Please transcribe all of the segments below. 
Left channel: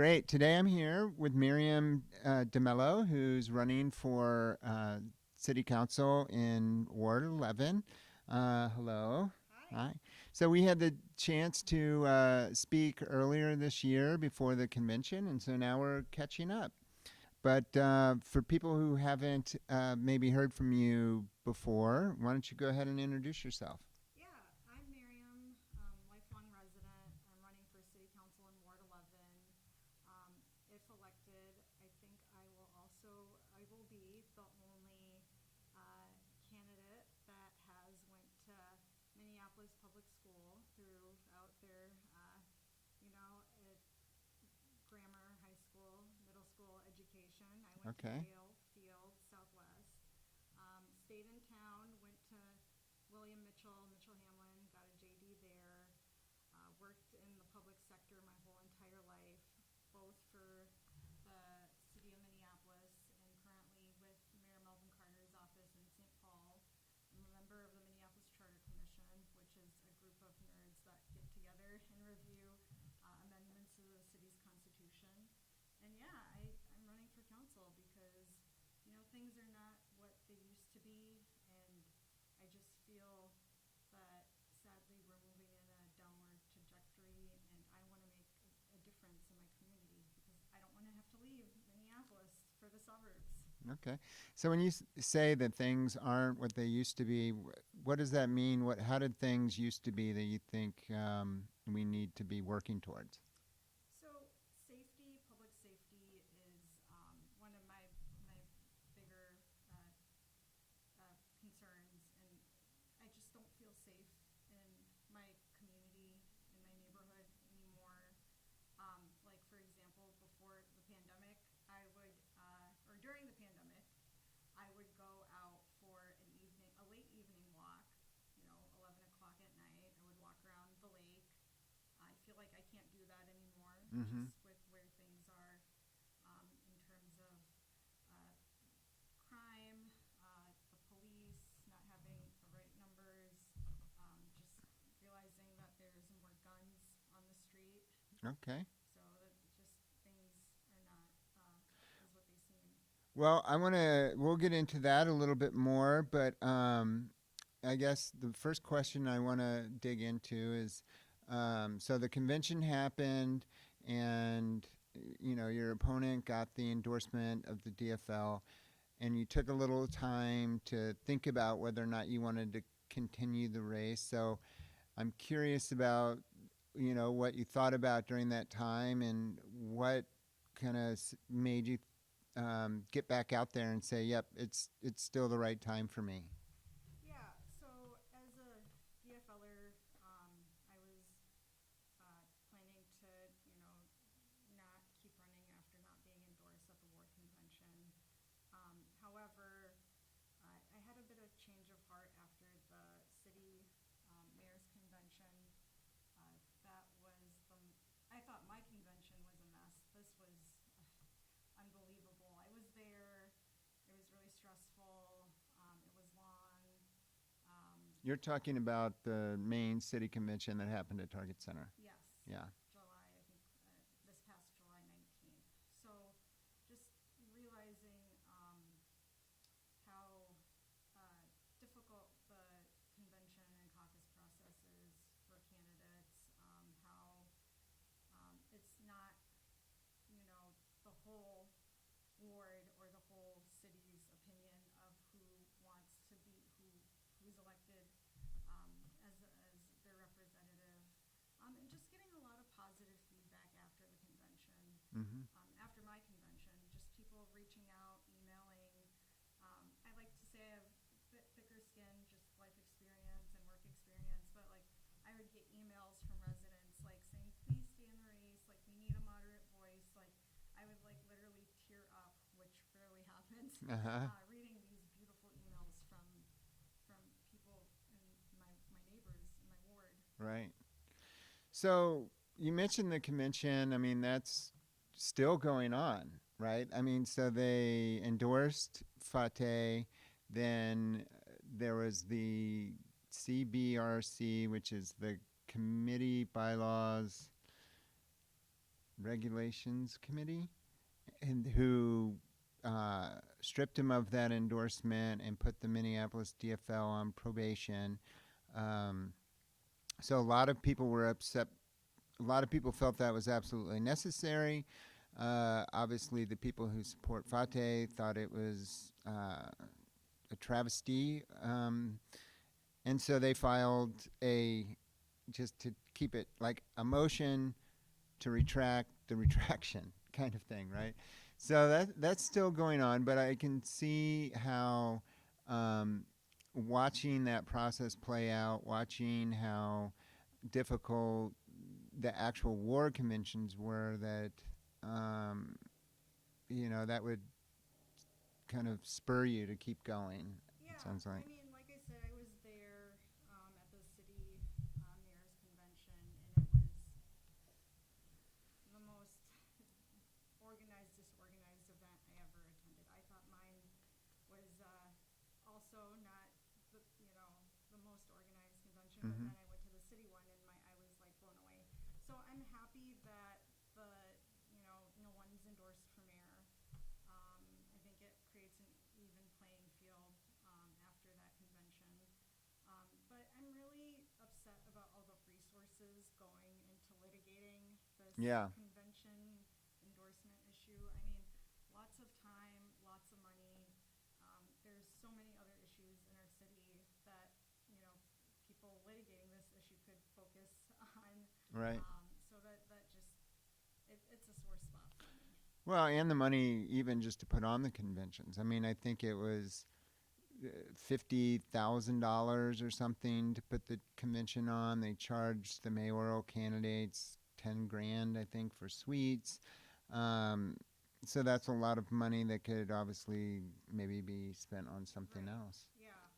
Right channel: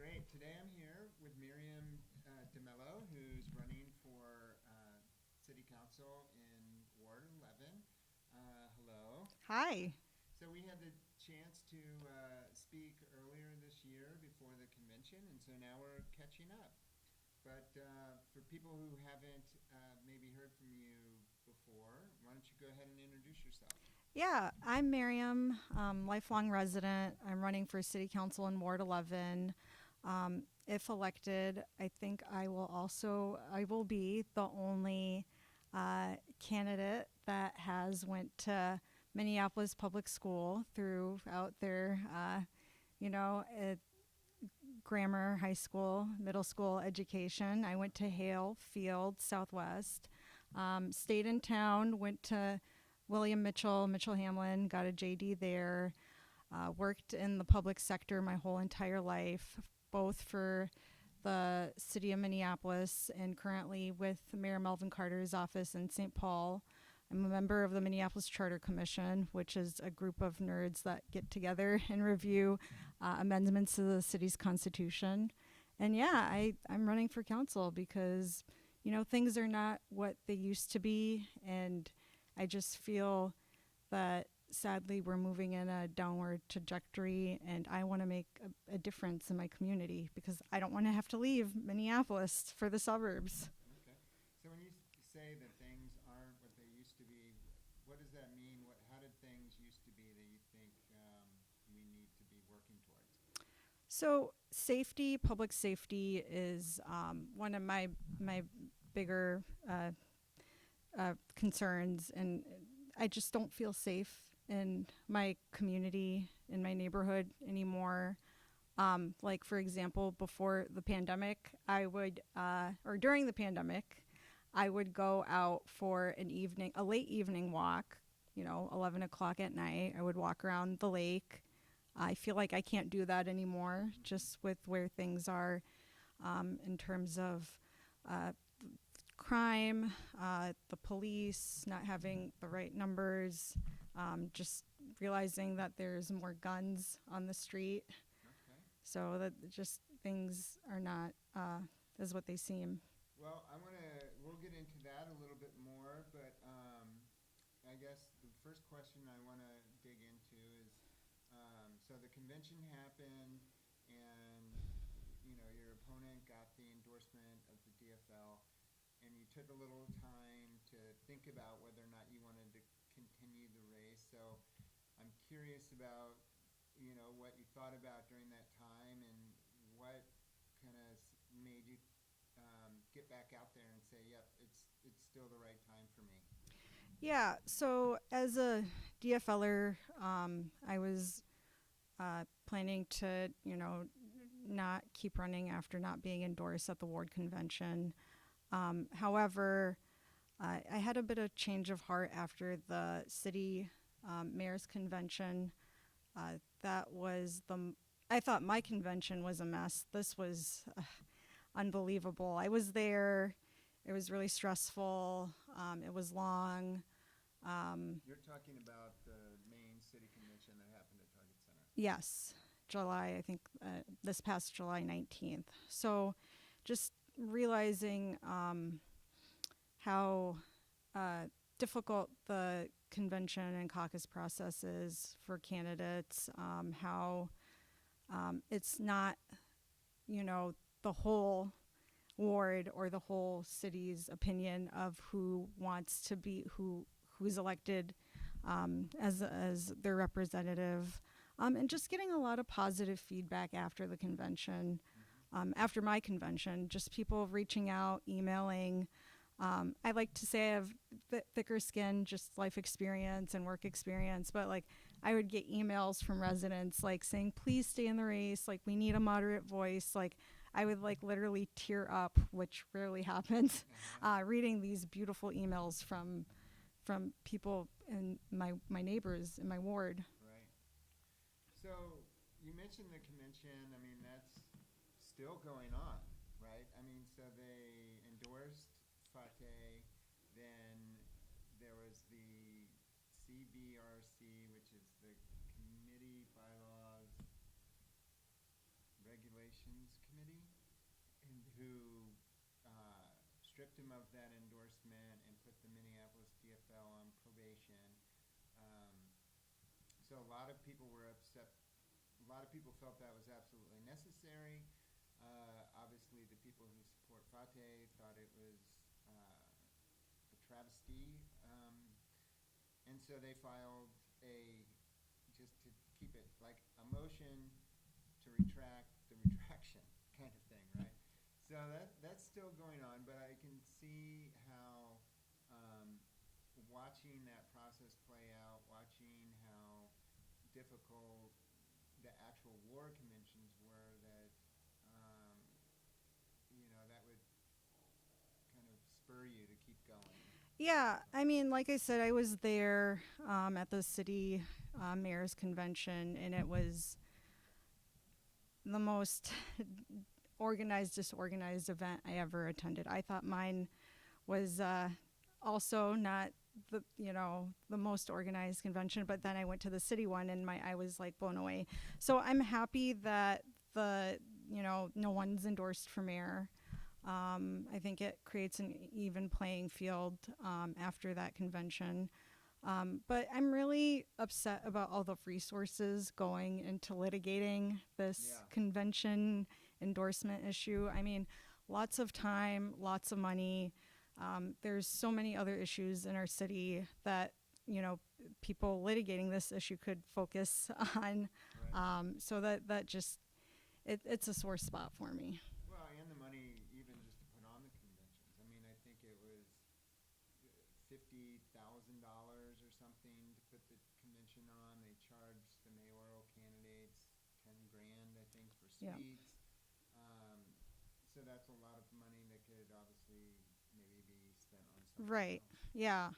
Great. Today I'm here with Miriam DeMello, who's running for City Council in Ward 11. Hello. Hi. So we had the chance to speak earlier this year before the convention, and so now we're catching up. But for people who haven't maybe heard from you before, why don't you go ahead and introduce yourself? Yeah, I'm Miriam, lifelong resident. I'm running for City Council in Ward 11. If elected, I think I will be the only candidate that has went to Minneapolis Public School throughout their, grammar, high school, middle school education. I went to Okay. Hale Field, Southwest. Stayed in town, went to William Mitchell Hamlin, got a JD there. Worked in the public sector my whole entire life, both for the city of Minneapolis and currently with Mayor Melvin Carter's office in St. Paul. I'm a member of the Minneapolis Charter Commission, which is a group of nerds that get together and review amendments to the city's constitution. And yeah, I'm running for council because, things are not what they used to be. And I just feel that sadly we're moving in a downward trajectory, and I want to make a difference in my community because I don't want to have to leave Minneapolis for the suburbs. Okay. So when you say that things aren't what they used to be, what does that mean? How did things used to be that you think we need to be working towards? So public safety is one of my bigger concerns, and I just don't feel safe in my community, in my neighborhood anymore. Like, for example, before the pandemic, or during the pandemic, I would go out for a late evening walk, 11 o'clock at night. I would walk around the lake. I feel like I can't do that anymore, just with where things are in terms of crime, the police not having the right numbers, just realizing that there's more guns on the street. Okay. So that just things are not as what they seem. Well, we'll get into that a little bit more, but I guess the first question I want to dig into is, so the convention happened and, your opponent got the endorsement of the DFL, and you took a little time to think about whether or not you wanted to continue the race. So I'm curious about, what you thought about during that time and what kind of made you get back out there and say, yep, it's still the right time for me. Yeah, so as a DFLer, I was planning to, not keep running after not being endorsed at the ward convention. However, I had a bit of change of heart after the city mayor's convention. I thought my convention was a mess. This was unbelievable. I was there. It was really stressful. It was long. You're talking about the main city convention that happened at Target Center. Yes. Yeah. July, I think, this past July 19th. So just realizing how difficult the convention and caucus process is for candidates, how it's not, the whole ward or the whole city's opinion of who wants to be, who's elected as their representative. And just getting a lot of positive feedback after the convention, after my convention, just people reaching out, emailing. I like to say I have thicker skin, just life experience and work experience, but I would get emails from residents saying, please stay in the race, we need a moderate voice. I would literally tear up, which rarely happens, reading these beautiful emails from people and my neighbors in my ward. Right. So you mentioned the convention. I mean, that's still going on, right? I mean, so they endorsed Fateh, then there was the CBRC, which is the committee bylaws Regulations Committee, and who stripped him of that endorsement and put the Minneapolis DFL on probation. So a lot of people were upset. A lot of people felt that was absolutely necessary. Obviously, the people who support Fateh thought it was a travesty. And so they filed just to keep it like a motion to retract the retraction kind of thing, right? So that's still going on, but I can see how watching that process play out, watching how difficult the actual war conventions were, that that would kind of spur you to keep going. Yeah, Sounds like. I mean, like I said, I was there at the city mayor's convention, and it was the most disorganized event I ever attended. I thought mine was also not the most organized convention, but then I went to the city one, and I was like blown away. So I'm happy that no one's endorsed for mayor. I think it creates an even playing field after that convention. But I'm really upset about all the resources going into litigating this convention endorsement issue. I mean, lots of time, lots of money. There's so many other issues in our city that, people litigating this issue could focus on. Right. So that just, it's a sore spot for me. Well, and the money even just to put on the conventions. I mean, I think it was $50,000 or something to put the convention on. They charged the mayoral candidates $10,000, I think, for suites. So that's a lot of money that could obviously maybe be spent on something else. Yeah.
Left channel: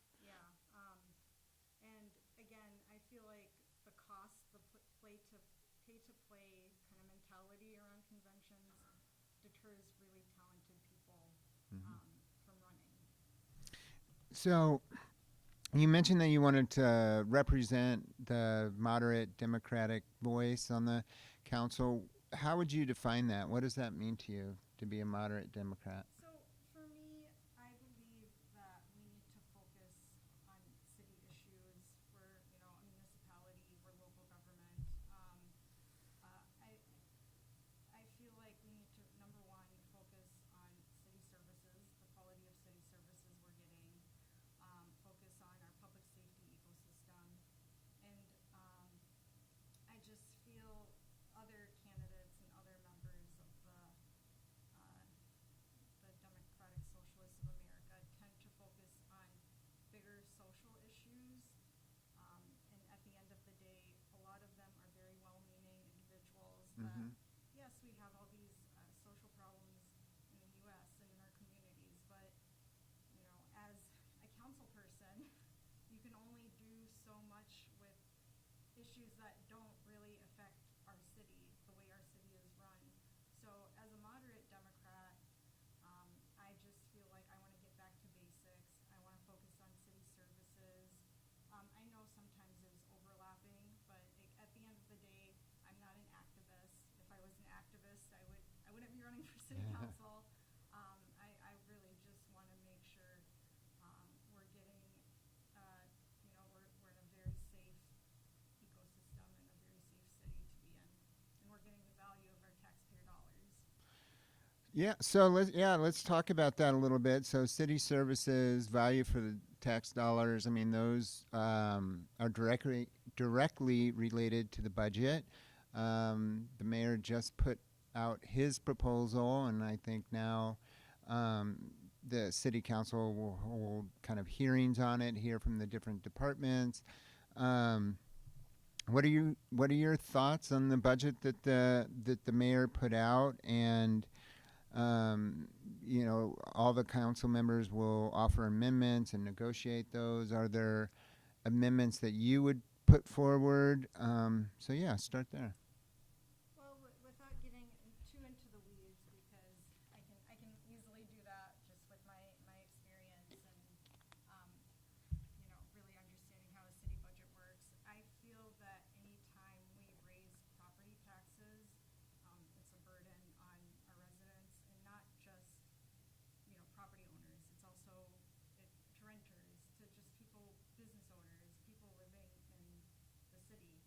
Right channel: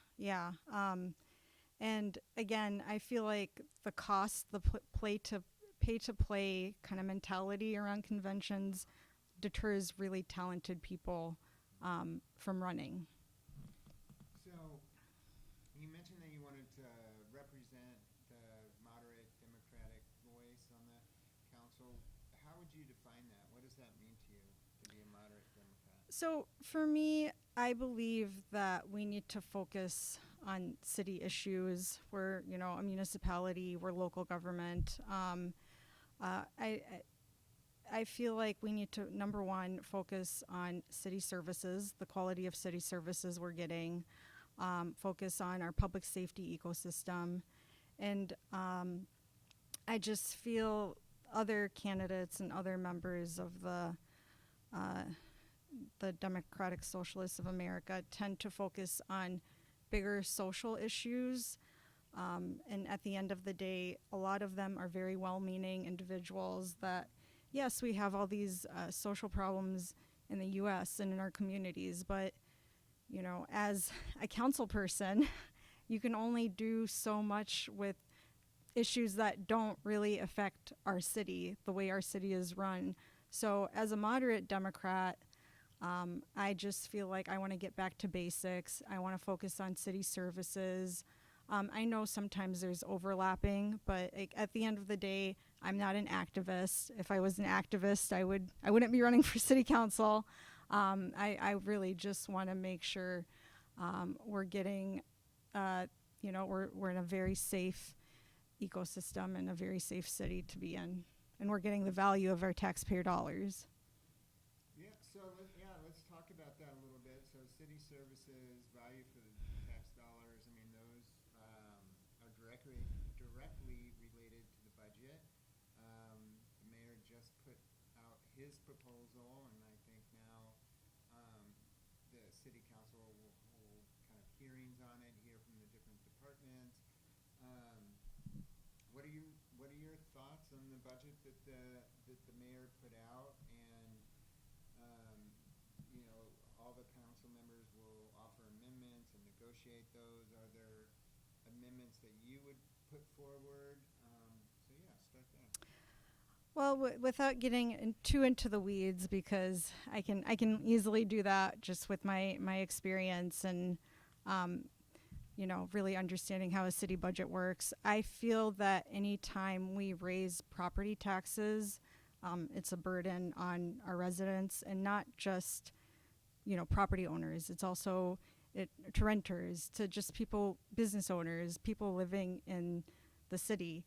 And again, I feel like the cost, the pay to play kind of mentality around conventions deters really talented people from running. So you mentioned that you wanted to represent the moderate Democratic voice on the council. How would you define that? What does that mean to you, to be a moderate Democrat? So for me, I believe that we need to focus on city issues. We're, a municipality, we're local government. I feel like we need to, number one, focus on city services, the quality of city services we're getting, focus on our public safety ecosystem. And I just feel other candidates and other members of the Democratic Socialists of America tend to focus on bigger social issues. And at the end of the day, a lot of them are very well-meaning individuals that, yes, we have all these social problems in the U.S. and in our communities, but, as a council person, you can only do so much with issues that don't really affect our city, the way our city is run. So as a moderate Democrat, I just feel like I want to get back to basics. I want to focus on city services. I know sometimes there's overlapping, but at the end of the day, I'm not an activist. If I was an activist, I wouldn't be running for city council. I really just want to make sure we're getting, we're in a very safe ecosystem and a very safe city to be in, and we're getting the value of our taxpayer dollars. Yeah, so let's talk about that a little bit. So city services, value for the tax dollars, I mean, those are directly related to the budget. The mayor just put out his proposal, and I think now the city council will hold kind of hearings on it, hear from the different departments. What are your thoughts on the budget that the mayor put out? And all the council members will offer amendments and negotiate those. Are there amendments that you would put forward? Start there. Well, without getting too into the weeds, because I can easily do that just with my experience and really understanding how a city budget works. I feel that any time we raise property taxes, it's a burden on our residents, and not just, property owners. It's also to renters, to just people, business owners, people living in the city.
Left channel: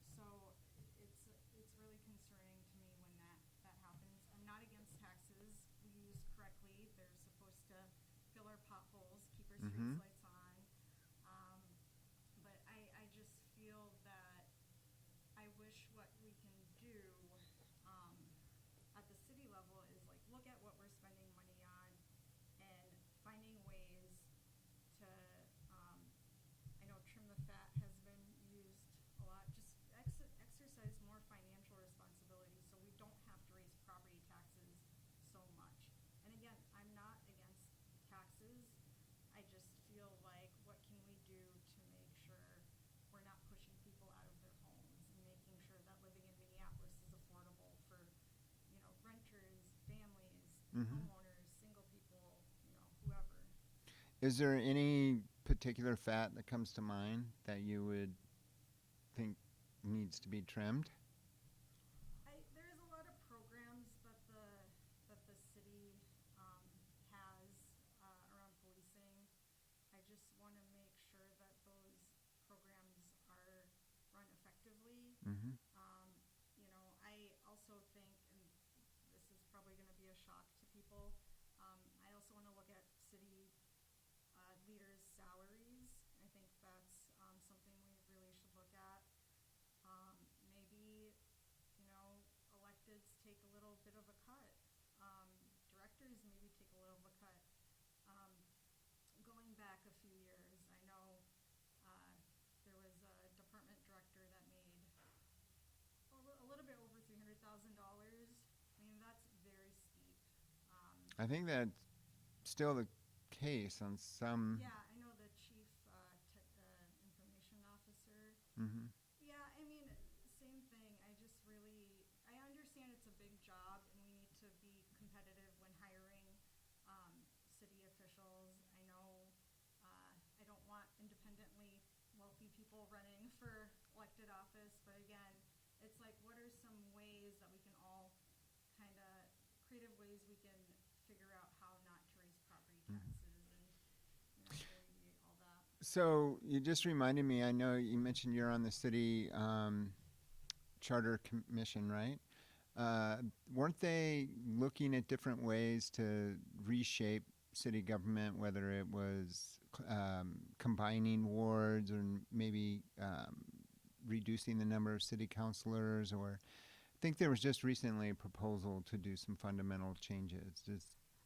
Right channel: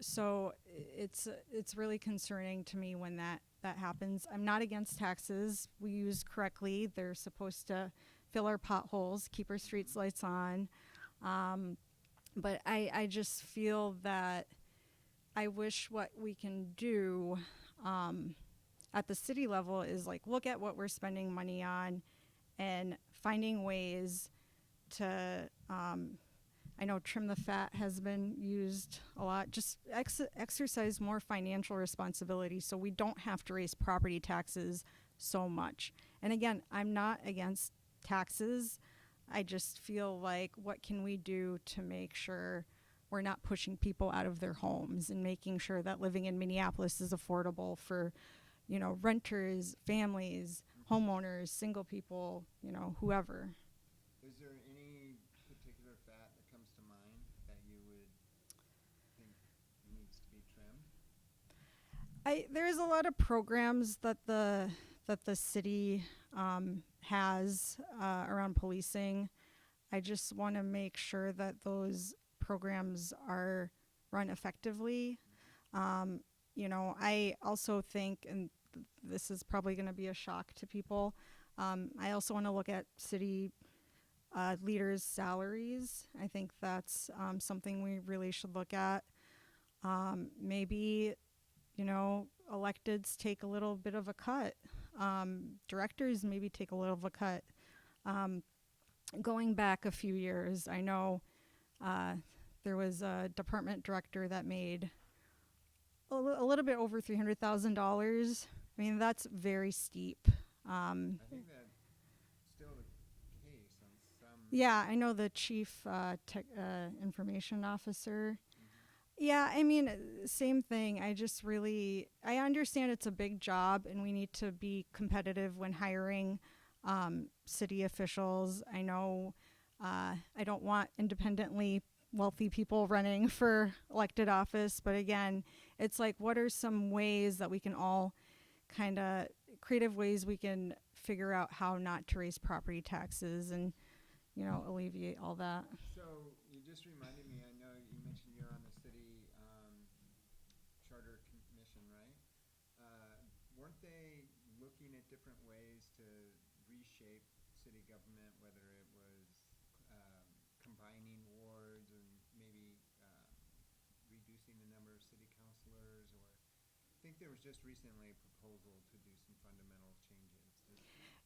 So it's really concerning to me when that happens. I'm not against taxes. We use correctly. They're supposed to fill our potholes, keep our streets lights on. But I just feel that I wish what we can do at the city level is like look at what we're spending money on and finding ways to, I know trim the fat has been used a lot, just exercise more financial responsibility so we don't have to raise property taxes so much. And again, I'm not against taxes. I just feel like what can we do to make sure we're not pushing people out of their homes and making sure that living in Minneapolis is affordable for, renters, families, homeowners, single people, whoever. Is there any particular fat that comes to mind that you would think needs to be trimmed? There's a lot of programs that the city has around policing. I just want to make sure that those programs are run effectively. I also think, and this is probably going to be a shock to people, I also want to look at city leaders' salaries. I think that's something we really should look at. Maybe, electeds take a little bit of a cut. Directors maybe take a little of a cut. Going back a few years, I know there was a department director that made a little bit over $300,000. I mean, that's very steep. I think that's still the case on some. Yeah, I know the chief information officer. Yeah, I mean, same thing. I understand it's a big job and we need to be competitive when hiring city officials. I know I don't want independently wealthy people running for elected office, but again, it's like, what are some ways that we can all creative ways we can figure out how not to raise property taxes and alleviate all that. So you just reminded me, I know you mentioned you're on the city charter commission, right? Weren't they looking at different ways to reshape city government, whether it was combining wards or maybe reducing the number of city councilors? Or I think there was just recently a proposal to do some fundamental changes.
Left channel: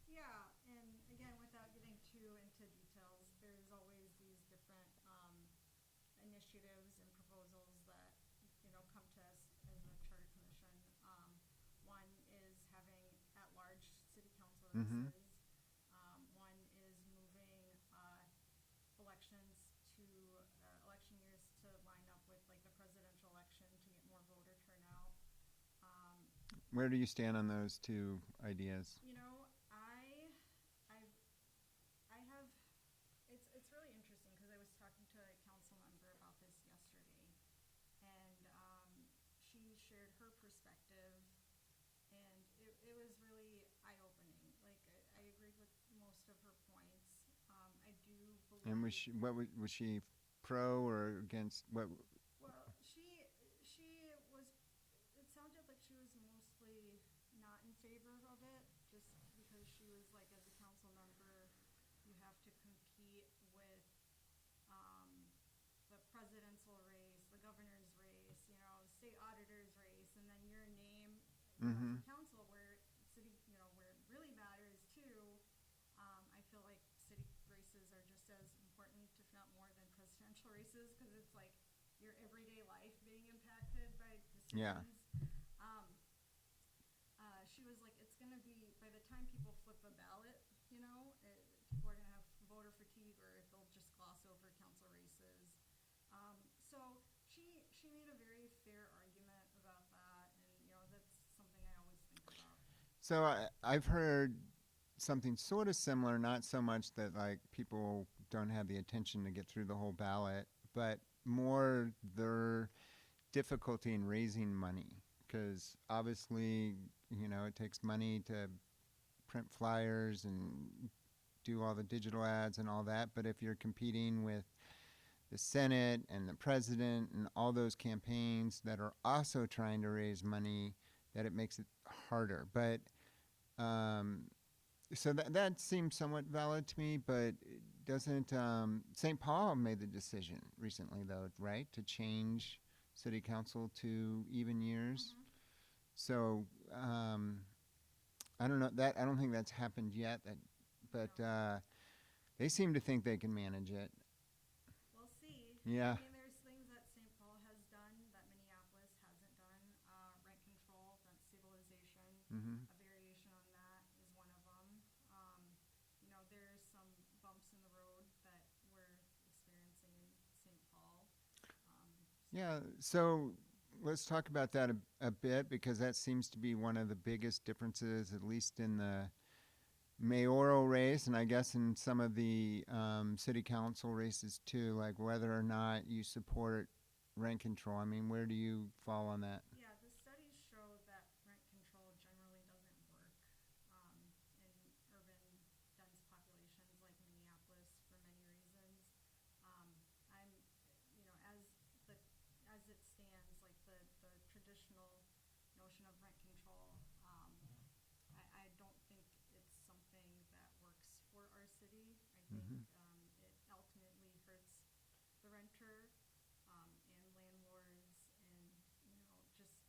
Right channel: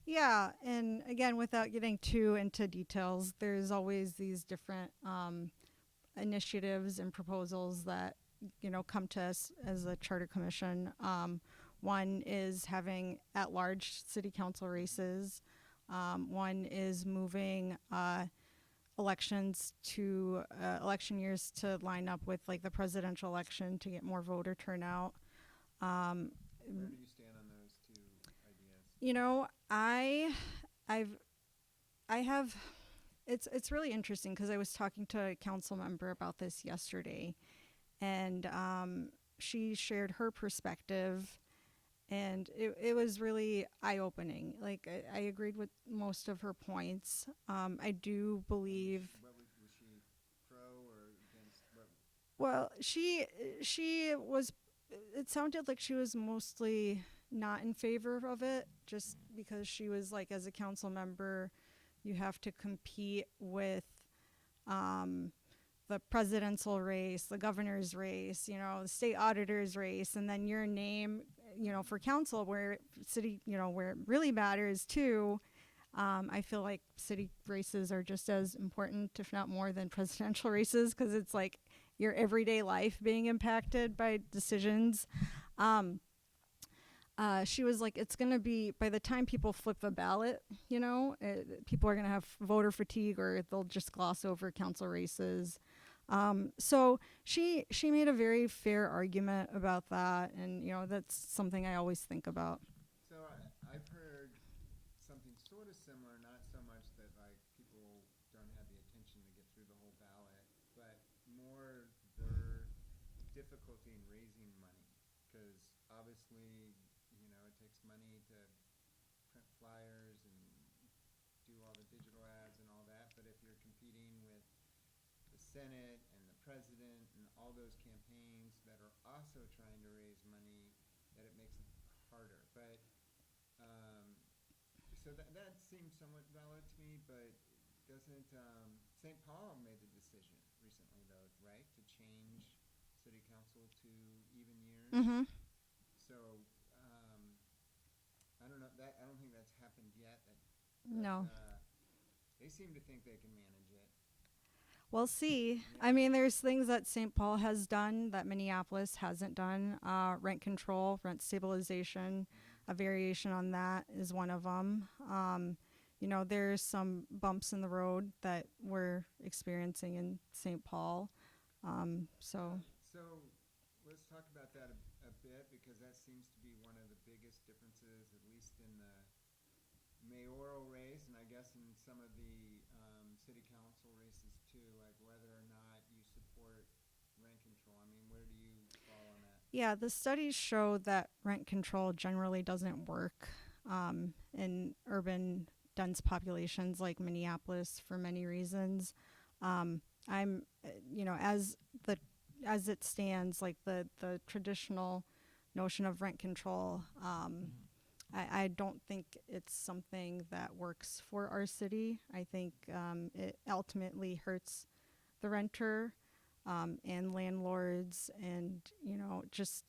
Yeah, and again, without getting too into details, there's always these different initiatives and proposals that come to us as a charter commission. One is having at-large city council races. One is moving elections to election years to line up with like the presidential election to get more voter turnout. Where do you stand on those two ideas? It's really interesting because I was talking to a council member about this yesterday, and she shared her perspective, and it was really eye-opening. Like I agreed with most of her points. I do believe. And was she pro or against? What? Well, she was. It sounded like she was mostly not in favor of it, just because she was like, as a council member, you have to compete with the presidential race, the governor's race, the state auditor's race, and then your name, for council, where city, where it really matters too. I feel like city races are just as important, if not more, than presidential races, because it's like your everyday life being impacted by decisions. She was like, it's going to be, by the time people flip a ballot, people are going to have voter fatigue, or they'll just gloss over council races. So she made a very fair argument about that, and that's something I always think about. So I've heard something sort of similar, not so much that like people don't have the attention to get through the whole ballot, but more their difficulty in raising money because obviously, it takes money to print flyers and do all the digital ads and all that. But if you're competing with the Senate and the president and all those campaigns that are also trying to raise money, that it makes it harder. But so that seems somewhat valid to me, but doesn't St. Paul made the decision recently, though, right, to change city council to even years? Mm-hmm. So I don't know that I don't think that's happened yet. But No. they seem to think they can manage it. We'll see. Yeah. I mean, there's things that St. Paul has done that Minneapolis hasn't done. Rent control, rent stabilization, Mm-hmm. a variation on that is one of them. There's some bumps in the road that we're experiencing in St. Paul. Yeah, so let's talk about that a bit, because that seems to be one of the biggest differences, at least in the mayoral race, and I guess in some of the city council races too, like whether or not you support rent control. I mean, where do you fall on that? Yeah, the studies show that rent control generally doesn't work in urban dense populations like Minneapolis for many reasons. As it stands, like the traditional notion of rent control, I don't think it's something that works for our city. I think it ultimately hurts the renter and landlords and, just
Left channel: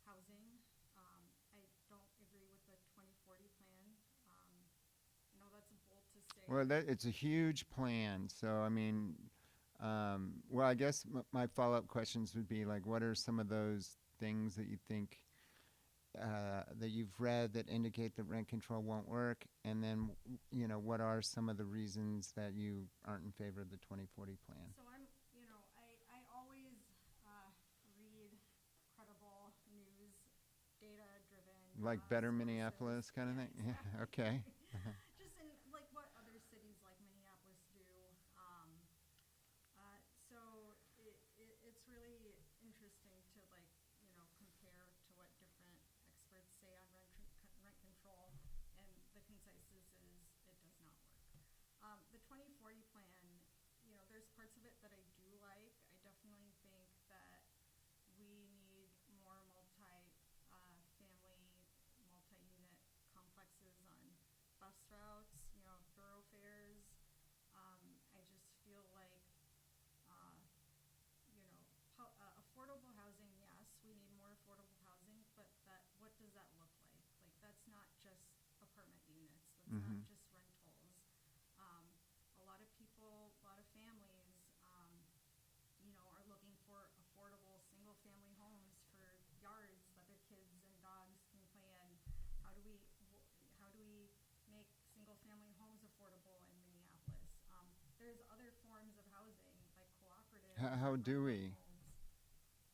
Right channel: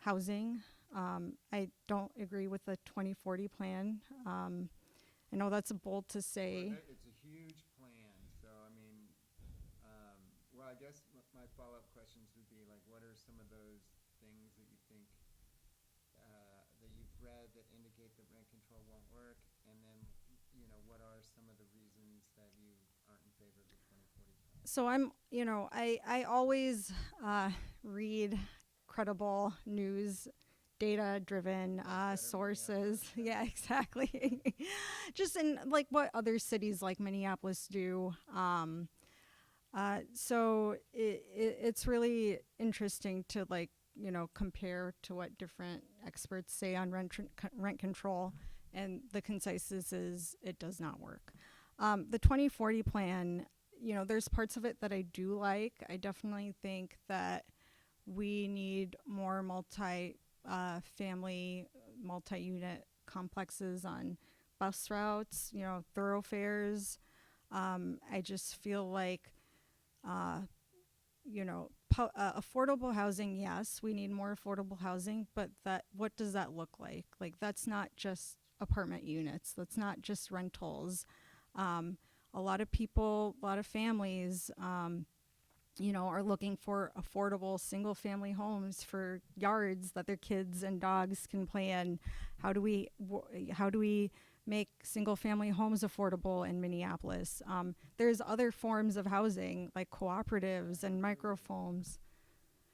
housing. I don't agree with the 2040 plan. I know that's bold to say. Well, it's a huge plan. So, I mean, well, I guess my follow-up questions would be like, what are some of those things that you think that you've read that indicate that rent control won't work? And then, what are some of the reasons that you aren't in favor of the 2040 plan? So I always read credible news, data-driven Like Better sources. Minneapolis, kinda? Yeah, exactly. Okay. Just in like what other cities like Minneapolis do. So it's really interesting to compare to what different experts say on rent control, and the consensus is it does not work. The 2040 plan, there's parts of it that I do like. I definitely think that we need more family, multi-unit complexes on bus routes, thoroughfares. I just feel like affordable housing, yes, we need more affordable housing, but what does that look like? Like, that's not just apartment units. That's not just rentals. A lot of people, a lot of families, are looking for affordable single-family homes for yards that their kids and dogs can play in. How do we make single-family homes affordable in Minneapolis? There's other forms of housing like cooperatives and microhomes.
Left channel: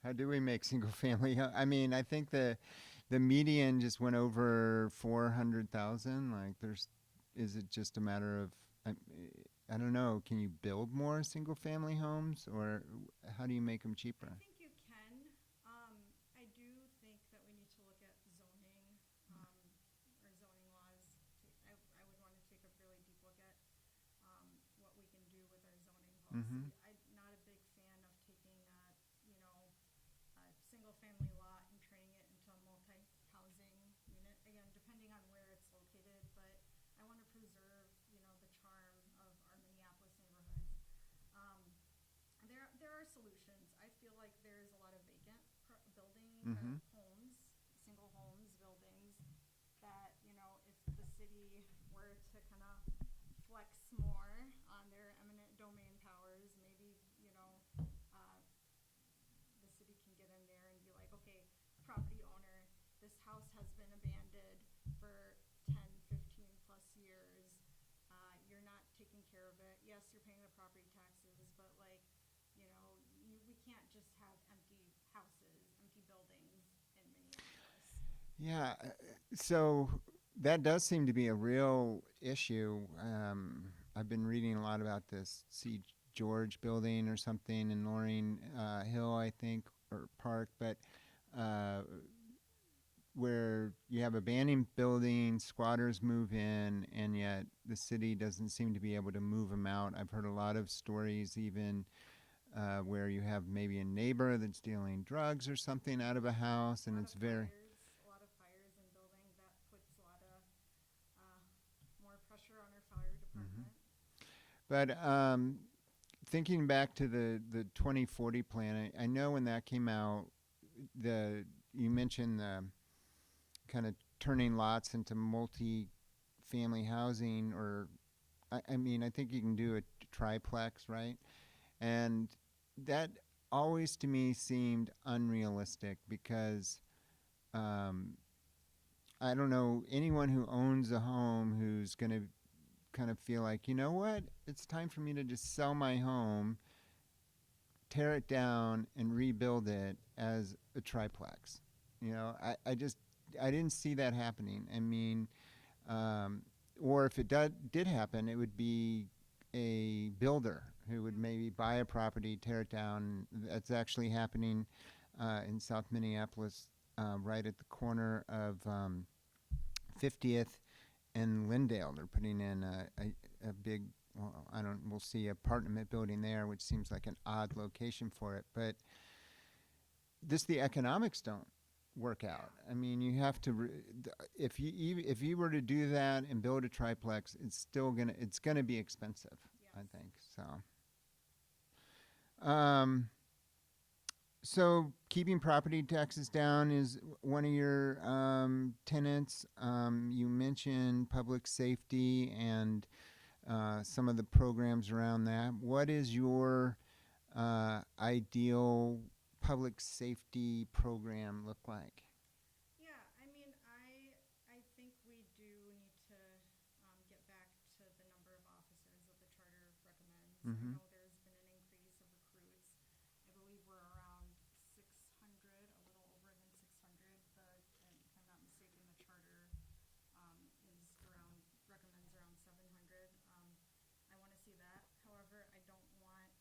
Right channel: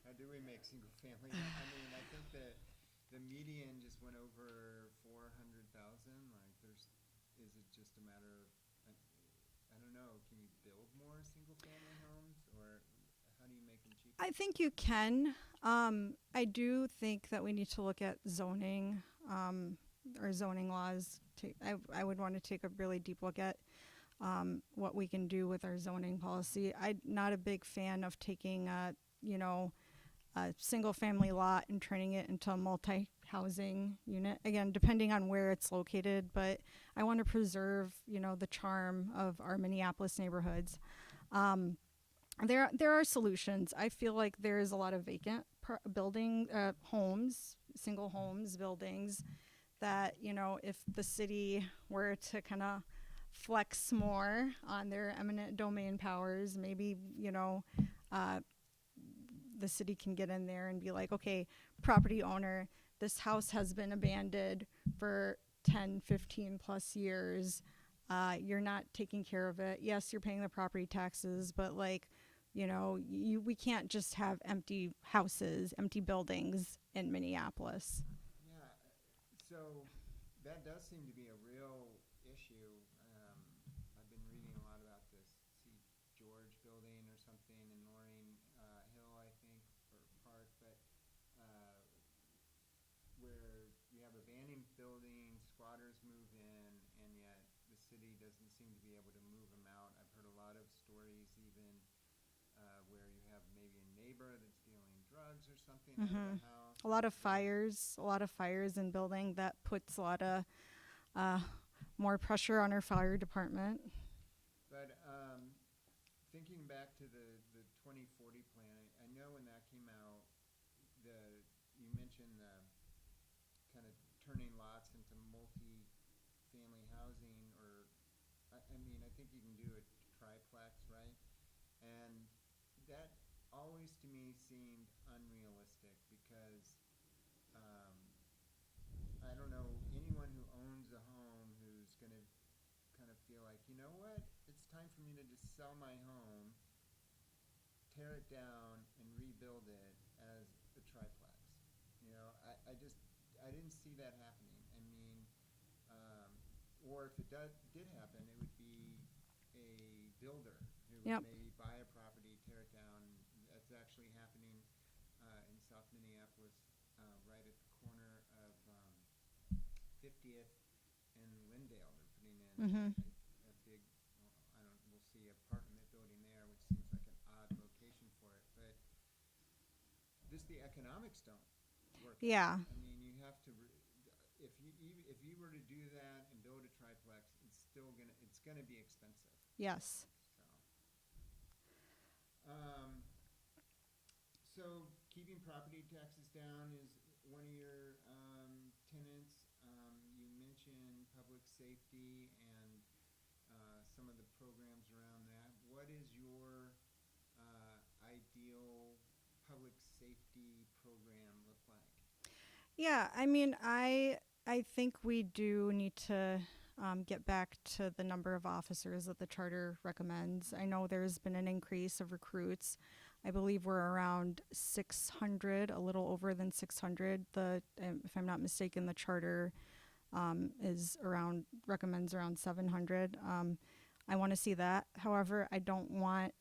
How do we make single-family? I mean, I think the median just went over 400,000. Like, is it just a matter of, I don't know, can you build more single-family homes, or how do you make them cheaper? I think you can. I do think that we need to look at zoning, or zoning laws. I would want to take a really deep look at what we can do with our zoning policy. I'm not a big fan of taking a single-family lot and turning it into a multi-housing unit. Again, depending on where it's located, but I want to preserve, the charm of our Minneapolis neighborhoods. There are solutions. I feel like there is a lot of vacant homes, single homes, buildings that, if the city were to kind of flex more on their eminent domain powers, maybe, the city can get in there and be like, okay, property owner, this house has been abandoned for 10, 15 plus years. You're not taking care of it. Yes, you're paying the property taxes, but we can't just have empty houses, empty buildings in Minneapolis. Yeah, so that does seem to be a real issue. I've been reading a lot about this C. George building or something in Loring Hill, I think, or Park, but where you have abandoned buildings, squatters move in, and yet the city doesn't seem to be able to move them out. I've heard a lot of stories even where you have maybe a neighbor that's dealing drugs or something out of a house. A lot of fires in building that puts a lot of more pressure on our fire department. But thinking back to the 2040 plan, I know when that came out, you mentioned the kind of turning lots into multi-family housing, or I mean, I think you can do a triplex, right? And that always to me seemed unrealistic because I don't know anyone who owns a home who's going to kind of feel like, you know what, it's time for me to just sell my home, tear it down, and rebuild it as a triplex. You know, I didn't see that happening. I mean, or if it did happen, it would be a builder who would maybe buy a property, tear it down. That's actually happening in South Minneapolis, right at the corner of 50th and Lindale. They're putting in a big, we'll see apartment building there, which seems like an odd location for it. But the economics don't work out. Yeah. I mean, you have to, if you were to do that and build a triplex, it's gonna be expensive. Yes. I think so. So keeping property taxes down is one of your tenets. You mentioned public safety and some of the programs around that. What is your ideal public safety program look like? Yeah, I mean, I think we do need to get back to the number of officers that the charter recommends. I know there's been an increase of recruits. I believe we're around 600, a little over than 600. If I'm not mistaken, the charter recommends around 700. I want to see that. However, I don't want,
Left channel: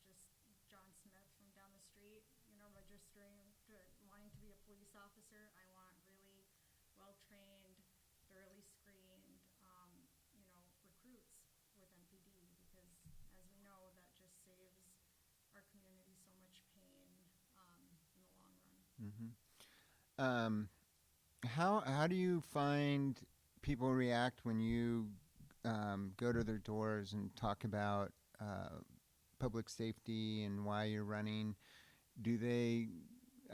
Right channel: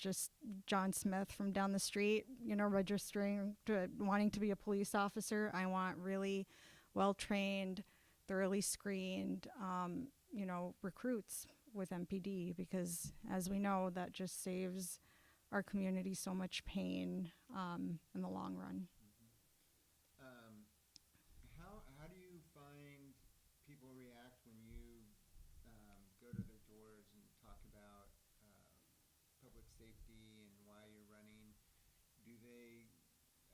just John Smith from down the street, registering wanting to be a police officer. I want really well-trained, thoroughly screened, recruits with MPD, because as we know, that just saves our community so much pain in the long run. How do you find people react when you go to their doors and talk about public safety and why you're running?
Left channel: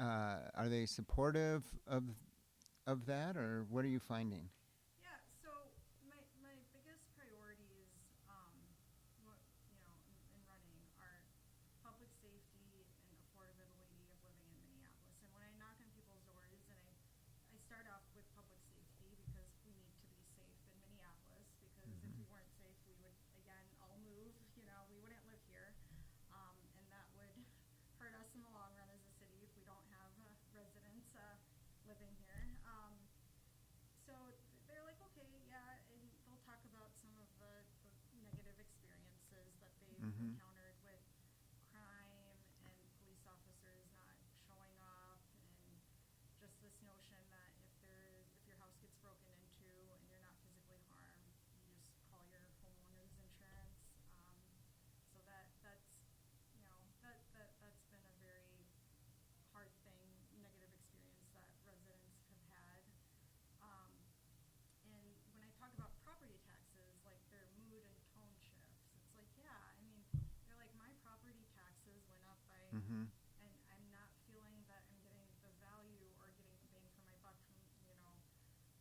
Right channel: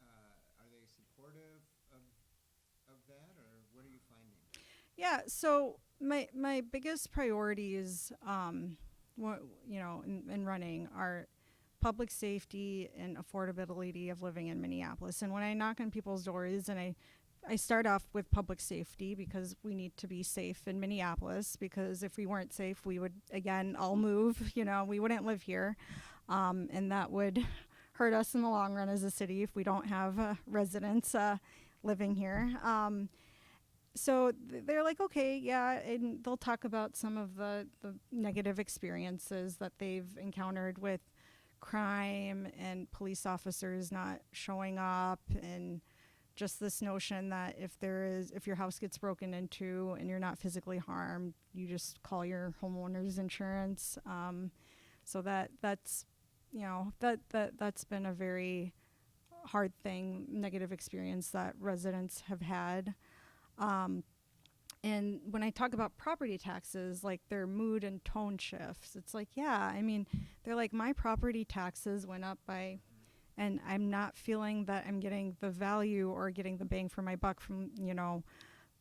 Are they supportive of that, or what are you finding? Yeah, so my biggest priorities, in running are public safety and affordability of living in Minneapolis. And when I knock on people's doors, and I start off with public safety, because we need to be safe in Minneapolis, because if we weren't safe, we would, again, all move. We wouldn't live here. And that would hurt us in the long run as a city if we don't have residents living here. So they're like, okay, yeah, and they'll talk about some of the negative experiences that they've encountered with crime and police officers not showing up, and just this notion that if your house gets broken into and you're not physically harmed, you just call your homeowner's insurance. So that's been a very hard thing, negative experience that residents have had. And when I talk about property taxes, like their mood and tone shifts, it's like, yeah, I mean, they're like, my property taxes went up by, and I'm not feeling that I'm getting the value or getting the bang for my buck from,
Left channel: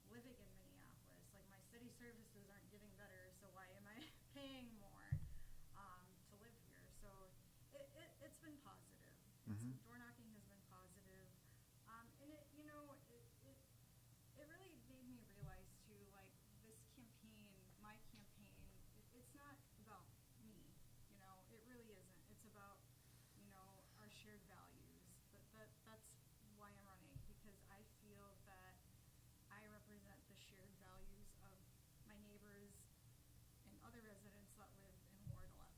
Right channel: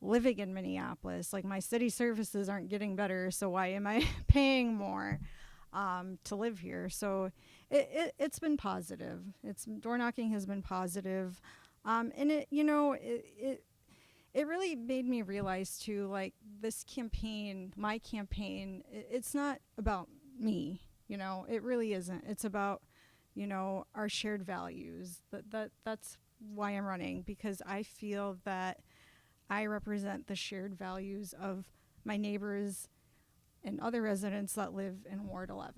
living in Minneapolis. Like, my city services aren't getting better, so why am I paying more to live here? So it's been positive. Door knocking has been positive. And it really made me realize too, like, this campaign, my campaign, it's not about me, it really isn't. It's about, our shared values. That's why I'm running, because I feel that I represent the shared values of my neighbors and other residents that live in Ward 11.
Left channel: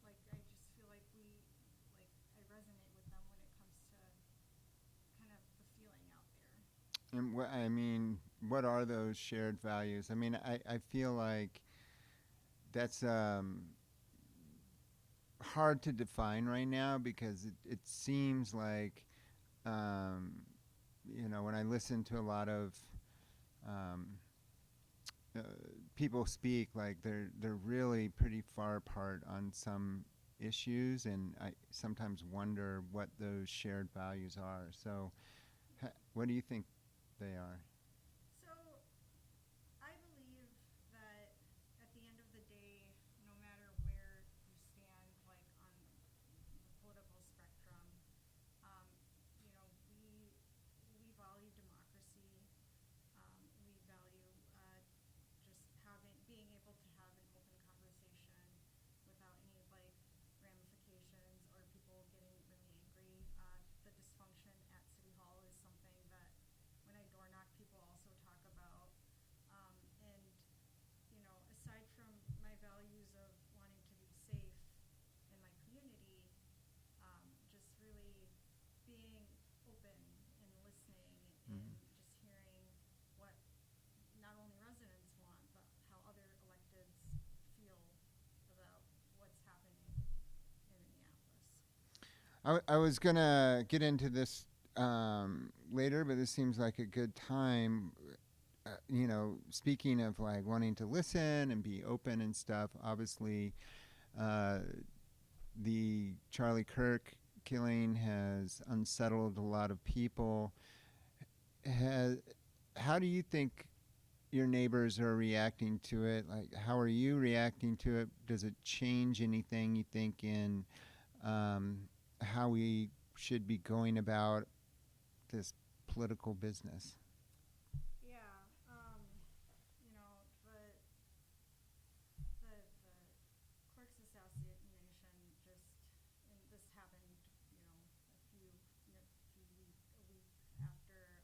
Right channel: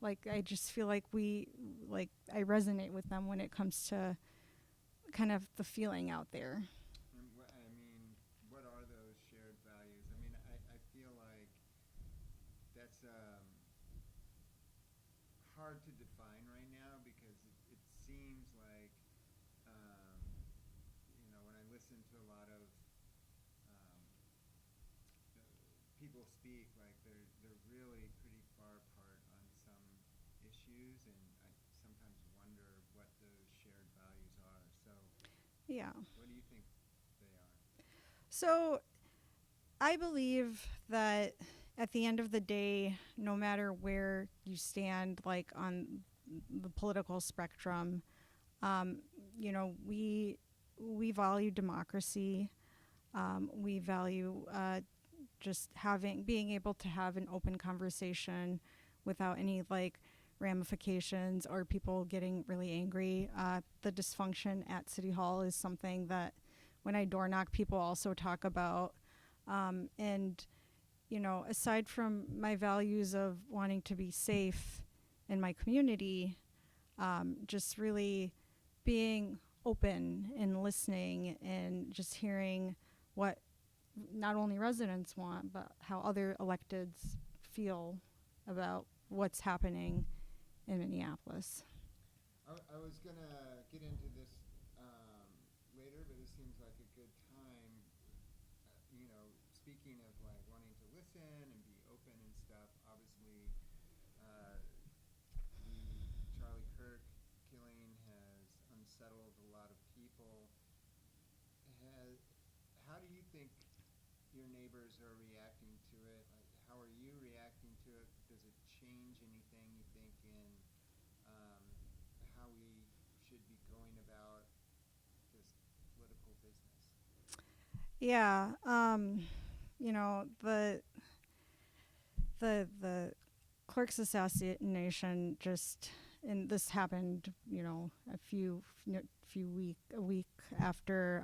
Like, I just feel like I resonate with them when it comes to kind of the feeling out there. And what are those shared values? I mean, I feel like that's hard to define right now because it seems like, um, when I listen to a lot of um, uh, people speak, like they're really pretty far apart on some issues, and I sometimes wonder what those shared values are. So, Yeah. what do you think they are? So I believe that at the end of the day, no matter where you stand, like on the political spectrum, um, we value democracy. We value just being able to have an open conversation without any like ramifications or people getting really angry. The dysfunction at City Hall is something that when I door knock, people also talk about. And, aside from my values of wanting to be safe in my community, just really being open and listening and just hearing what not only residents want, but how other electeds feel about what's happening in Minneapolis. I was gonna get into this later, but this seems like a good time. Speaking of like wanting to listen and be open and stuff, obviously, uh, the Charlie Kirk killing has unsettled a lot of people. How do you think your neighbors are reacting to it? Like, how are you reacting to it? Does it change anything you think in how we should be going about this political business? Yeah, the clerk's assassination and this happened, a week after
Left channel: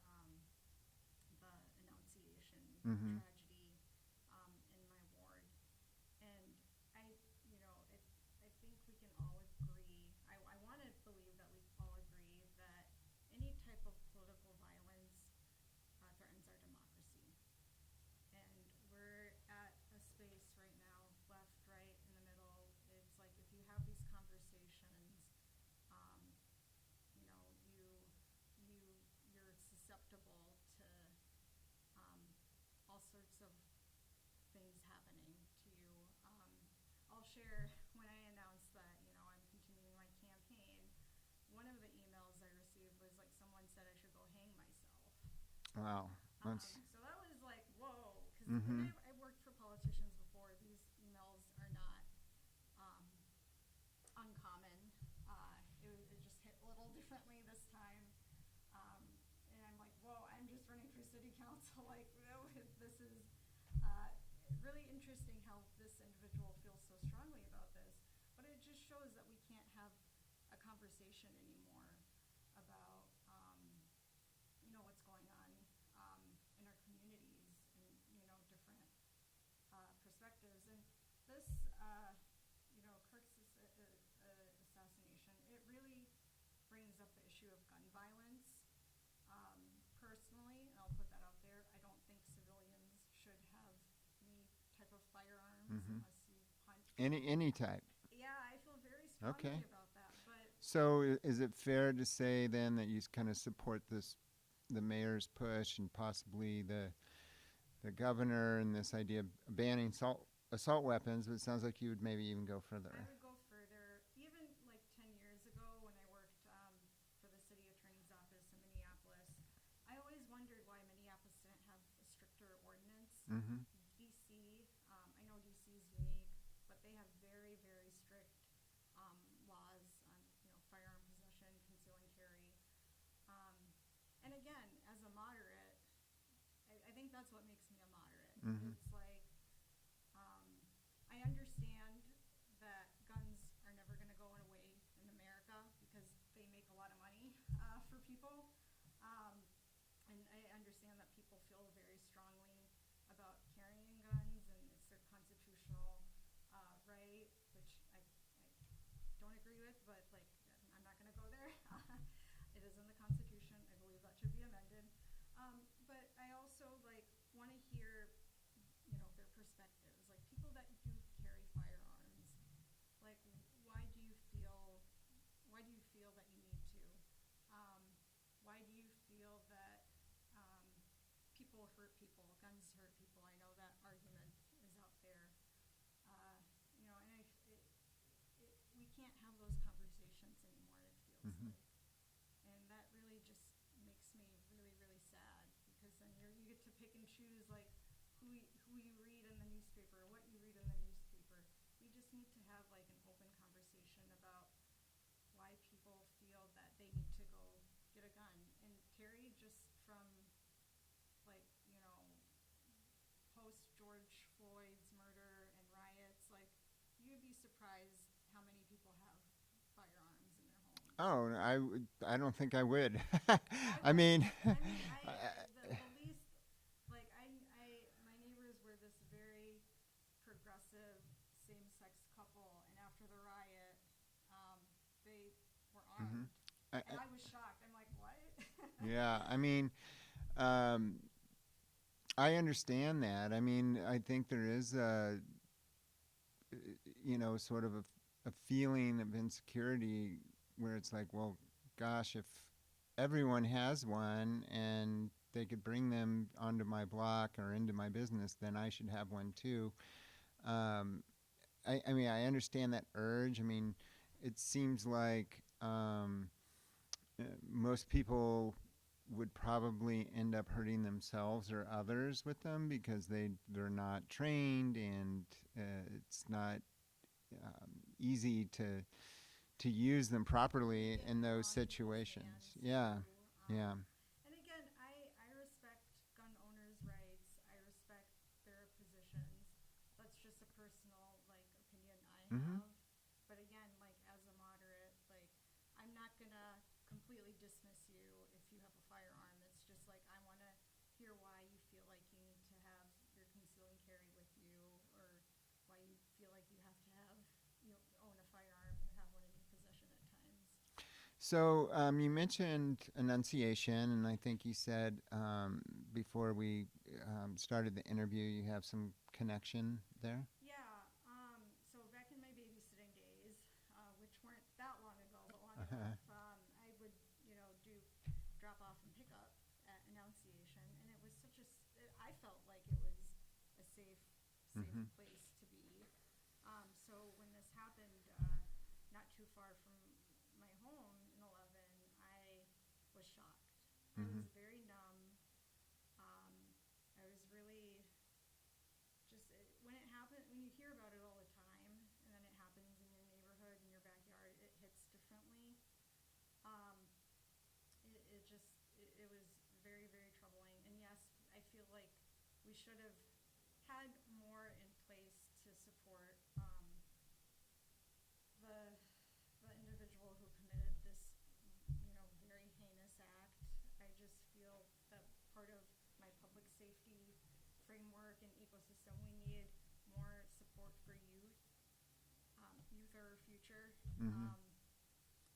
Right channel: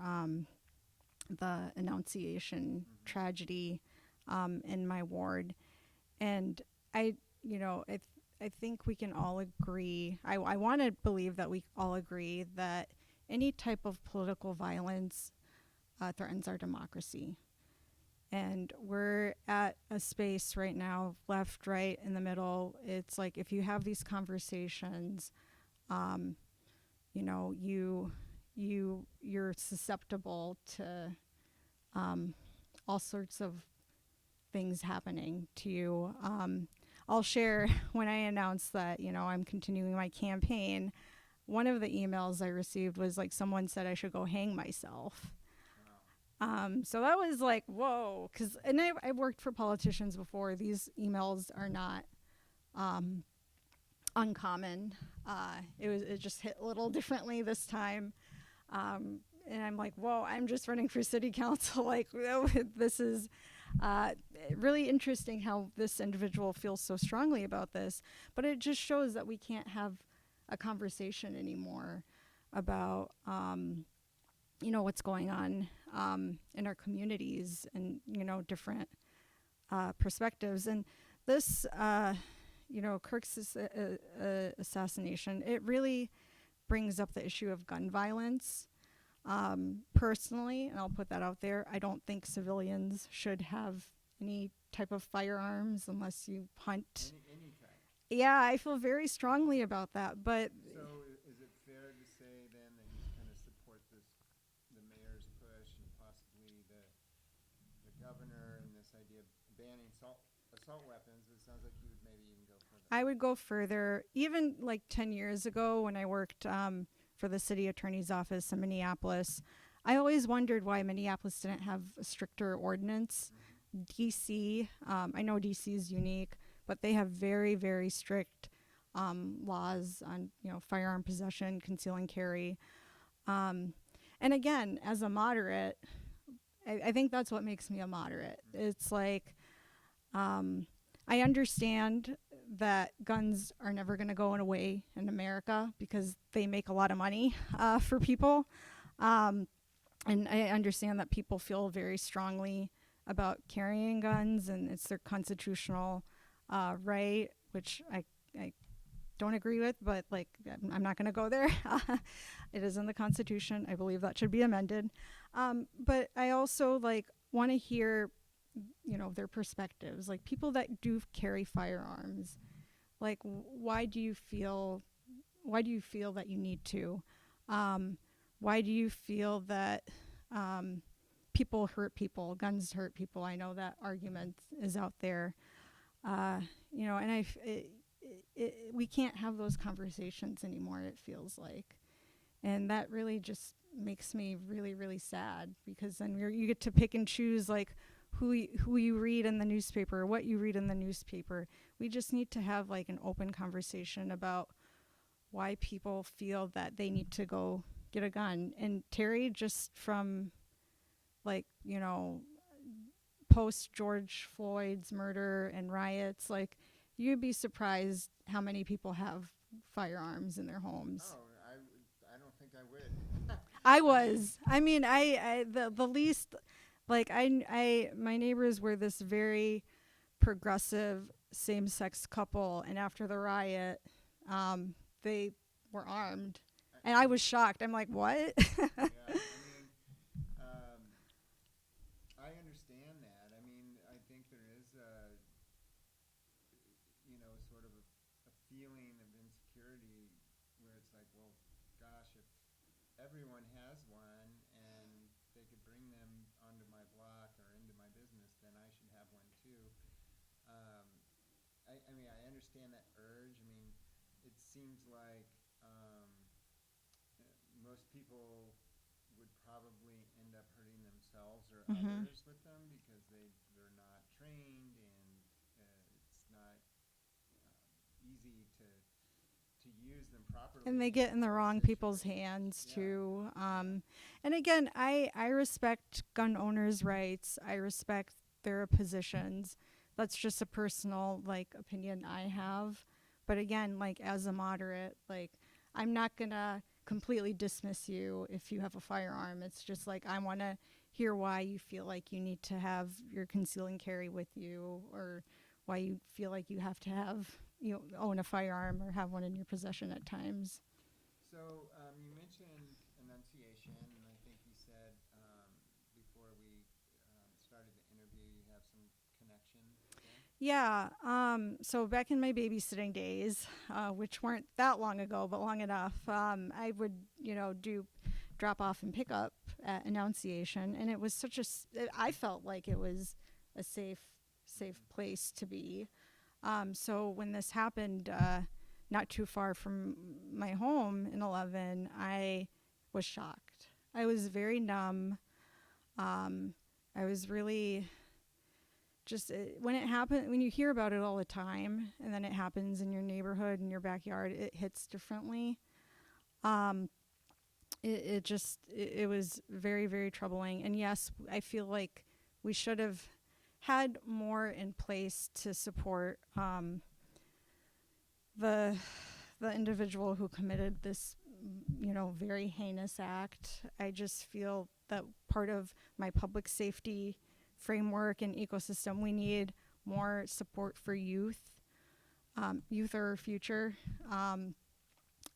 the Annunciation tragedy in my ward, and I think we can all agree. I want to believe that we all agree that any type of political violence threatens our democracy. And we're at a space right now, left, right, in the middle. It's like if you have these conversations, you're susceptible to all sorts of things happening to you. I'll share when I announced that I'm continuing my campaign. One of the emails I received was like someone said I should go hang myself. Wow. So that was like, whoa, and I've worked for politicians before. These emails are not uncommon. It just hit a little differently this time. And I'm like, whoa, I'm just running for city council. Like, this is really interesting how this individual feels so strongly about this. But it just shows that we can't have a conversation anymore about what's going on in our communities and different perspectives. And this Kirk's assassination, it really brings up the issue of gun violence. Personally, and I'll put that out there, I don't think civilians should have any type of firearms unless you hunt. Any type. Yeah, I feel very strongly about that. But so is it fair to say then that you kind of support the mayor's push and possibly the governor and this idea of banning assault weapons? But it sounds like you would maybe even go further. I would go further. Even like 10 years ago when I worked for the city attorney's office in Minneapolis, I always wondered why Minneapolis didn't have a stricter ordinance. DC, I know DC is unique, but they have very, very strict laws on firearm possession, conceal and carry. And again, as a moderate, I think that's what makes me a moderate. It's like I understand that guns are never going to go away in America because they make a lot of money for people. And I understand that people feel very strongly about carrying guns and it's their constitutional right, which I don't agree with, but like I'm not going to go there. It is in the Constitution. I believe that should be amended. But I also like want to hear, their perspectives. Like people that do carry firearms, like why do you feel that you need to? Why do you feel that people hurt people, guns hurt people? I know that argument is out there, and we can't have those conversations anymore. It feels like, and that really just makes me really, really sad because then you get to pick and choose like who you read in the newspaper, what you read in the newspaper. We just need to have like an open conversation about why people feel that they need to go get a gun. And Terry, just from like, post George Floyd's murder and riots, like you'd be surprised how many people have firearms in their homes. Oh, I don't think I would. I was. The least, like my neighbors were this very progressive same-sex couple, and after the riot, they were armed, and I was shocked. I'm like, what? Yeah, I understand that. I think there is sort of a feeling of insecurity where it's like, well, gosh, if everyone has one and they could bring them onto my block or into my business, then I should have one too. I understand that urge. It seems like most people would probably end up hurting themselves or others with them because they're not trained, and it's not easy to use them properly. And they get in the wrong people's hands too. And again, I respect gun owners' rights. I respect their positions. That's just a personal opinion I have. But again, as a moderate, I'm not gonna completely dismiss you if you have a firearm. It's just I want to hear why you feel like you need to have your conceal and carry with you, or why you feel like you have to own a firearm or have one in your possession at times. So you mentioned enunciation, and I think you said before we started the interview you have some connection there. Yeah. So back in my babysitting days, which weren't that long ago, but long enough, I would, do drop off and pick up at enunciation, and it was I felt like it was a safe place to be. So when this happened, not too far from my home in 11, I was shocked. I was very numb. I was really just, when it happened, when you hear about it all the time, and then it happens in your neighborhood, in your backyard, it hits differently. It was very, very troubling. And yes, I feel like we should have had more in place to support the individual who committed this, very heinous act. I just feel that part of my public safety framework and ecosystem, we need more support for youth. Youth are our future.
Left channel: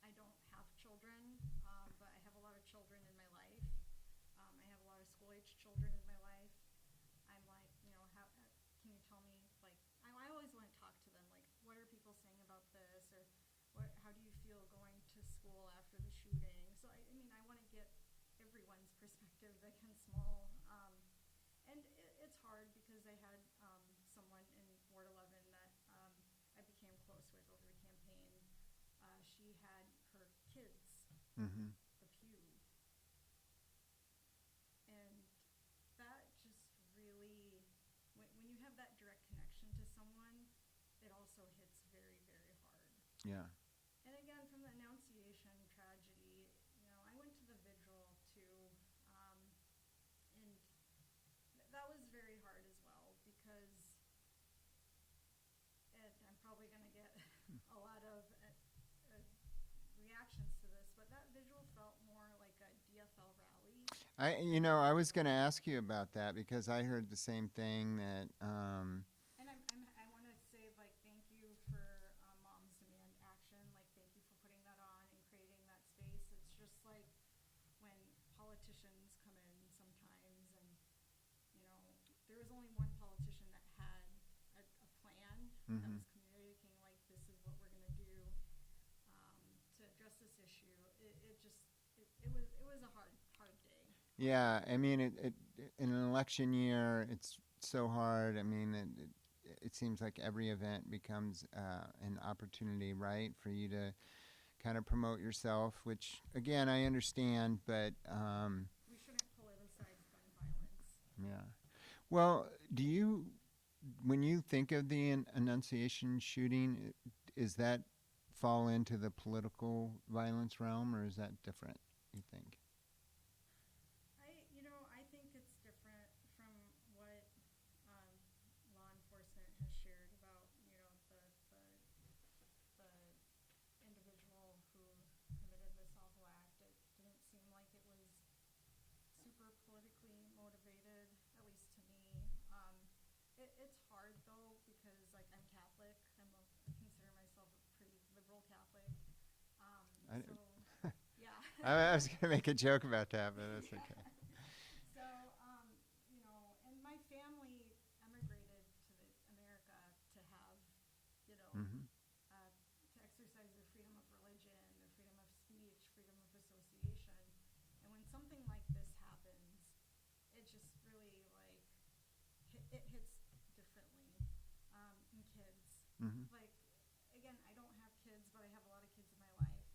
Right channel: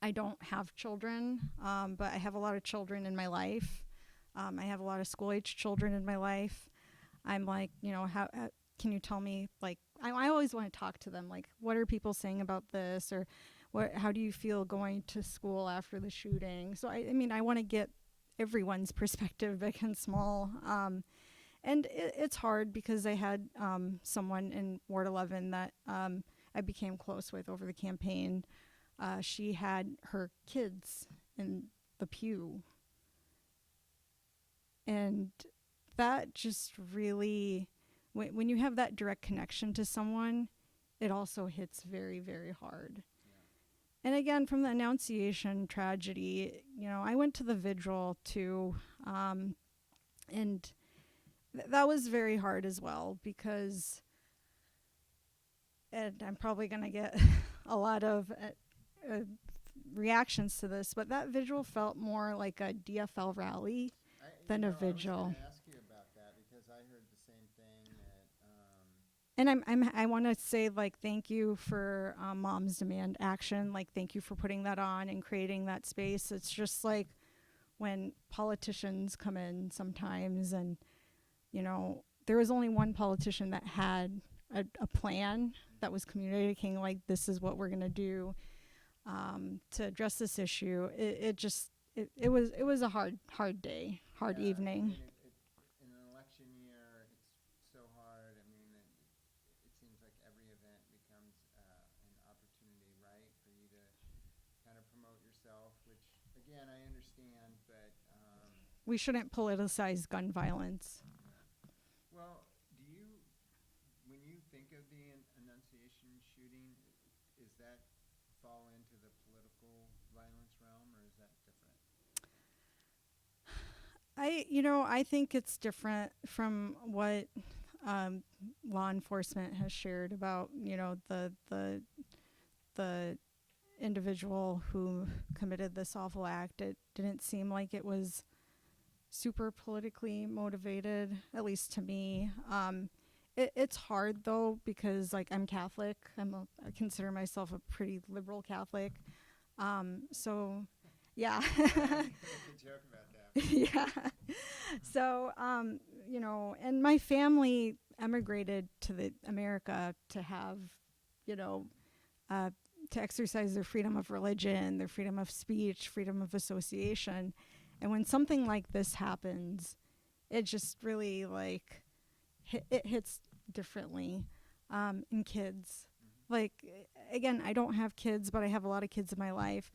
I don't have children, but I have a lot of children in my life. I have a lot of school-age children in my life. I'm like, how can you tell me, I always want to talk to them, what are people saying about this, or how do you feel going to school after the shooting? So I want to get everyone's perspective, big and small. And it's hard because I had someone in Ward 11 that I became close with over the campaign. She had her kids in the pew. And that just really, when you have that direct connection to someone, it also hits very, very hard. Yeah. And again, from the Annunciation tragedy, I went to the vigil too, and that was very hard as well because, and I'm probably going to get a lot of reactions to this, but that vigil felt more like a DFL rally. I was going to ask you about that because I heard the same thing that. And I want to say thank you for Moms Demand Action. Thank you for putting that on and creating that space. It's just when politicians come in sometimes, and there was only one politician that had a plan that was communicating, like, this is what we're going to do to address this issue. It was a hard day, hard evening. I mean, it in an election year, it's so hard. I mean, it seems like every event becomes an opportunity, right, for you to kind of promote yourself, which, again, I understand, but we shouldn't politicize gun violence. Yeah. Well, when you think of the Annunciation shooting, is that fall into the political violence realm, or is that different, you think? I think it's different from what law enforcement has shared about, the individual who committed this awful act. It didn't seem like it was super politically motivated, at least to me. It's hard though, because like I'm Catholic. I consider myself a pretty liberal Catholic. So yeah. I was gonna make a joke about that. Yeah. So and my family emigrated to America to have, to exercise their freedom of religion, their freedom of speech, freedom of association. And when something like this happens, it just really it hits differently in kids. Like, again, I don't have kids, but I have a lot of kids in my life.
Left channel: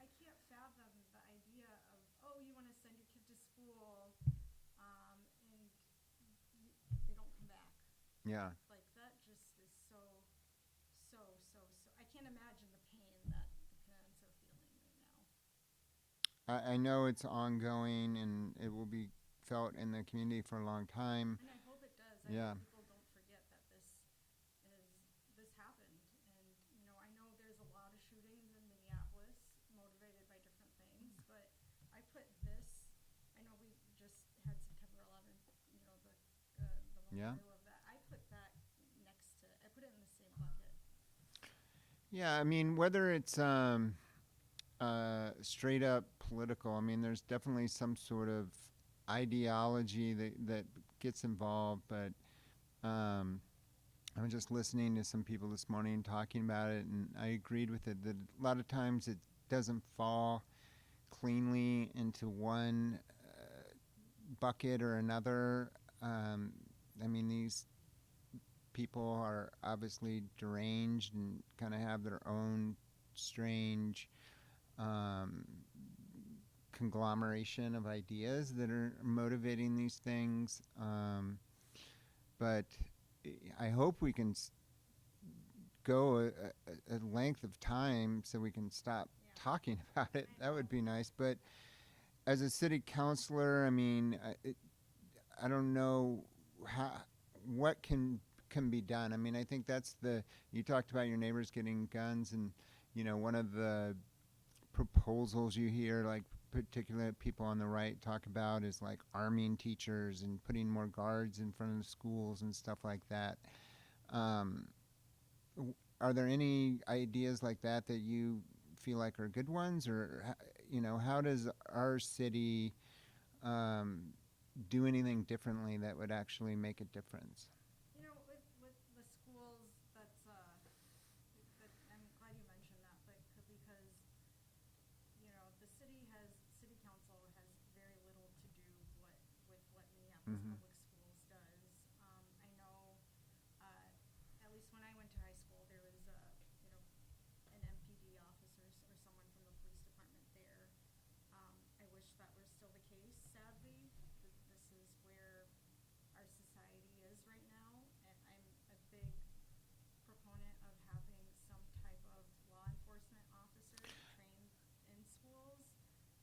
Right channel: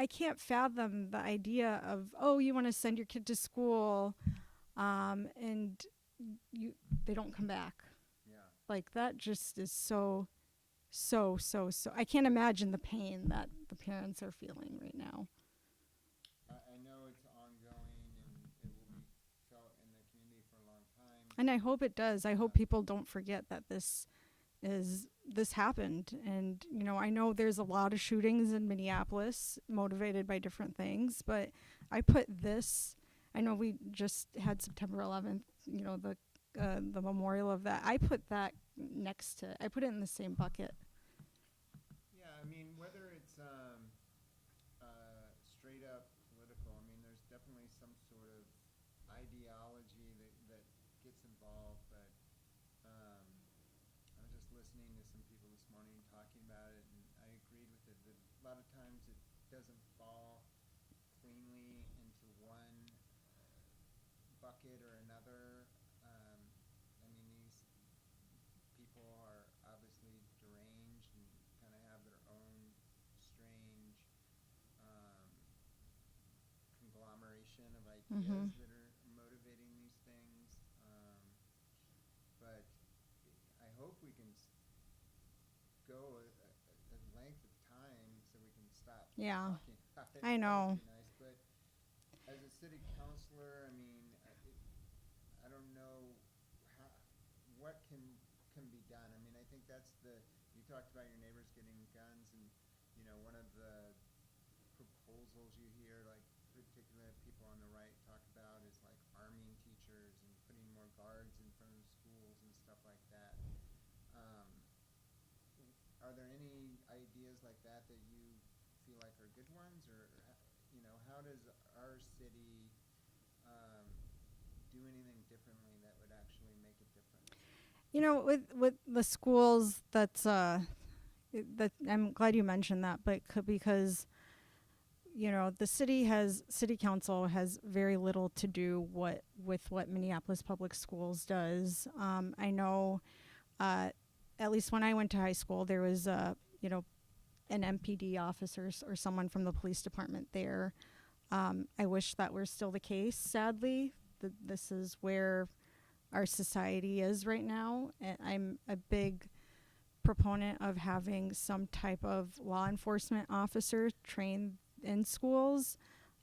I can't fathom the idea of, you want to send your kid to school and they don't come back. Yeah. Like, that just is so I can't imagine the pain that the parents are feeling right now. I know it's ongoing, and it will be felt in the community for a long time. And I hope it does. I hope people don't forget that this happened. And, I know there's a lot of shootings in Minneapolis motivated by different things, but I know we just had September 11th, the memorial of that. I put that I put it in the same bucket. Yeah, I mean, whether it's straight up political, I mean, there's definitely some sort of ideology that gets involved, but I was just listening to some people this morning talking about it, and I agreed with it, that a lot of times it doesn't fall cleanly into one bucket or another. I mean, these people are obviously deranged and kind of have their own strange conglomeration of ideas that are motivating these things. But I hope we can go a length of time so we can stop talking about it. I know. That would be nice. But as a city councilor, I mean, I don't know what can be done. I mean, I think that's you talked about your neighbors getting guns, and, one of the proposals you hear, like, particularly people on the right talk about, is like arming teachers and putting more guards in front of the schools and stuff like that. Are there any ideas like that you feel like are good ones, or how does our city do anything differently that would actually make a difference? With the schools, that I'm glad you mentioned that, but because the city council has very little to do with what Minneapolis Public Schools does. I know, at least when I went to high school, there was an MPD officer or someone from the police department there. I wish that were still the case. Sadly, this is where our society is right now, and I'm a big proponent of having some type of law enforcement officer trained in schools.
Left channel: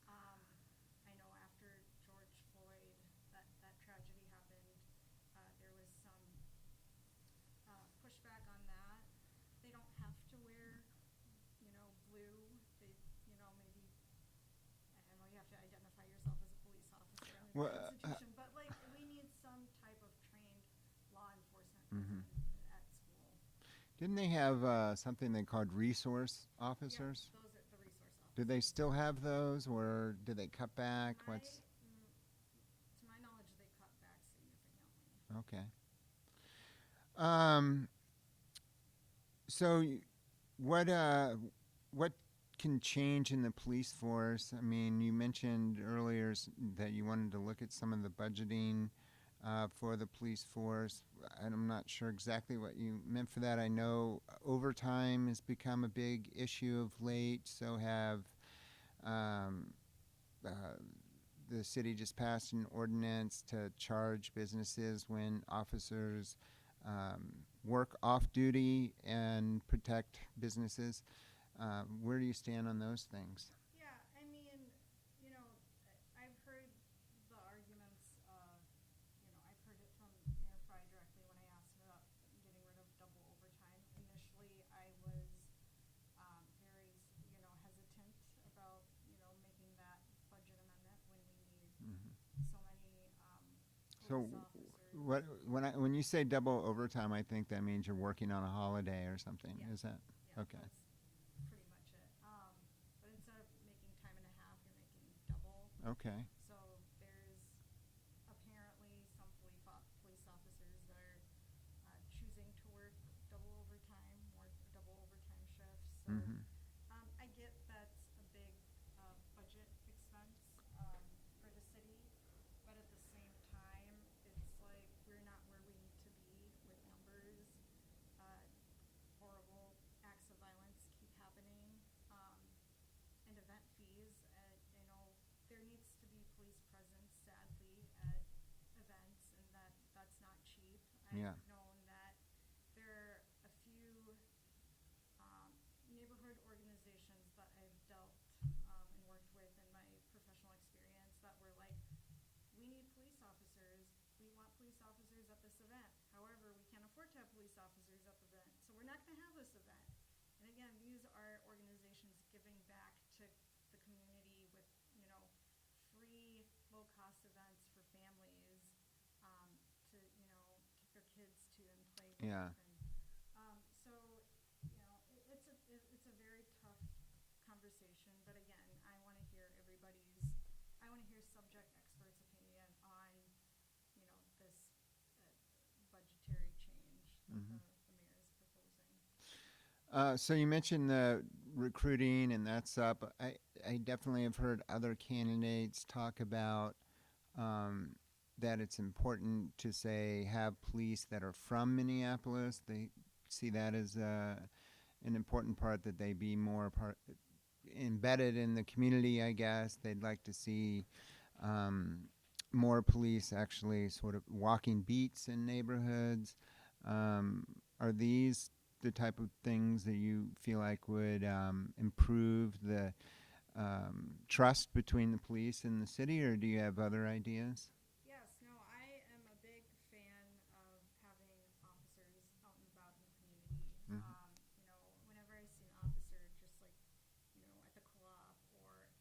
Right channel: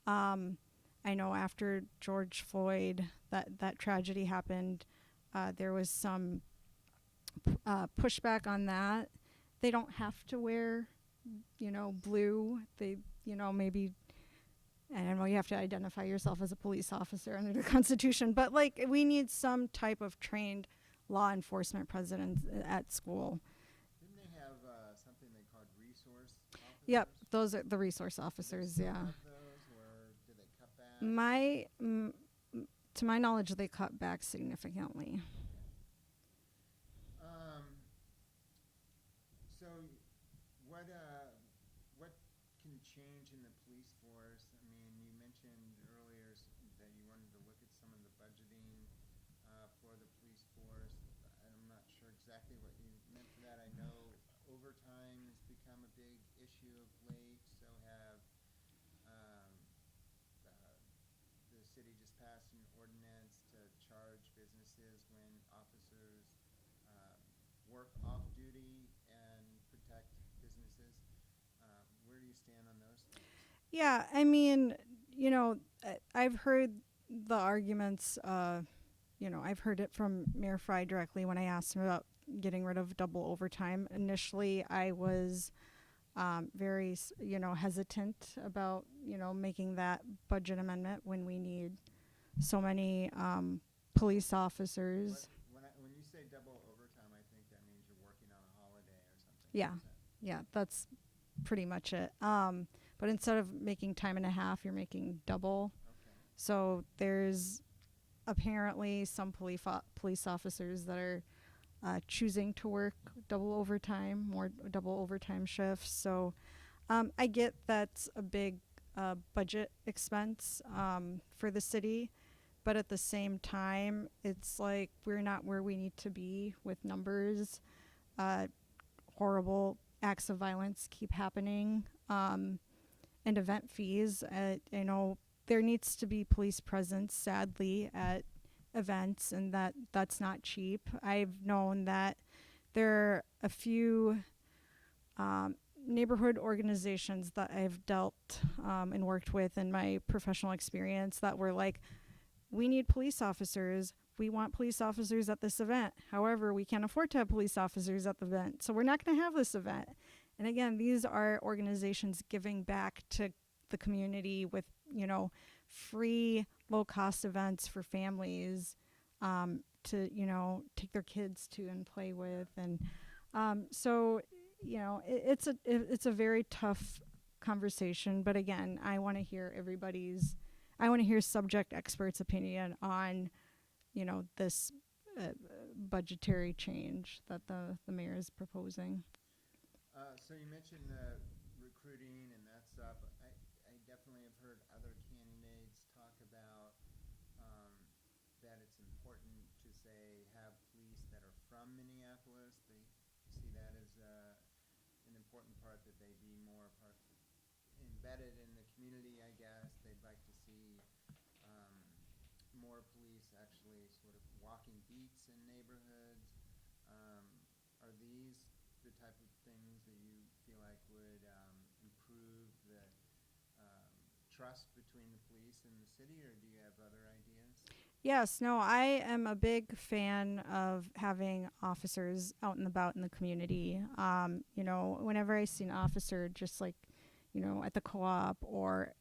I know after George Floyd, that tragedy happened, there was some pushback on that. They don't have to wear, blue. They, maybe, I don't know, you have to identify yourself as a police officer under the Constitution, but we need some type of trained law enforcement presence at school. Didn't they have something they called resource officers? Yep, those are the resource Do officers. they still yeah. have those, or do they cut back? To my knowledge, they cut back significantly. Okay. So, what can change in the police force? I mean, you mentioned earlier that you wanted to look at some of the budgeting for the police force. I'm not sure exactly what you meant for that. I know overtime has become a big issue of late. So have um, uh, the city just passed an ordinance to charge businesses when officers work off duty and protect businesses. Where do you stand on those things? Yeah, I mean, I've heard the arguments. I've heard it from Mayor Fry directly when I asked him about getting rid of double overtime. Initially, I was very, hesitant about, making that budget amendment when we need so many police officers. When you say double overtime, I think that means you're working on a holiday or something. Yeah. Is that? Yeah, Okay. that's pretty much it. But instead of making time and a half, you're making double. Okay. So there's apparently some police officers that are choosing to work more double overtime shifts. So I get that's a big budget expense for the city. But at the same time, it's like we're not where we need to be with numbers. Horrible acts of violence keep happening. And event fees. There needs to be police presence, sadly, at events, and that's not cheap. I've known that there are a few neighborhood organizations that I've dealt and worked with in my professional experience that were like, we need police officers. We want police officers at this event. However, we can't afford to have police officers at the event, so we're not going to have this event. And again, these are organizations giving back to the community with, free low-cost events for families to, take their kids to and play with. Yeah. And so, it's a very tough conversation. But again, I want to hear subject experts' opinion on, this budgetary change that the mayor is proposing. So you mentioned the recruiting, and that's up. I definitely have heard other candidates talk about that it's important to have police that are from Minneapolis. They see that as an important part, that they be more embedded in the community, I guess. They'd like to see more police actually sort of walking beats in neighborhoods. Are these the type of things that you feel like would improve the trust between the police and the city, or do you have other ideas? Yes, no, I am a big fan of having officers out and about in the community. Whenever I see an officer just like, at the co-op or,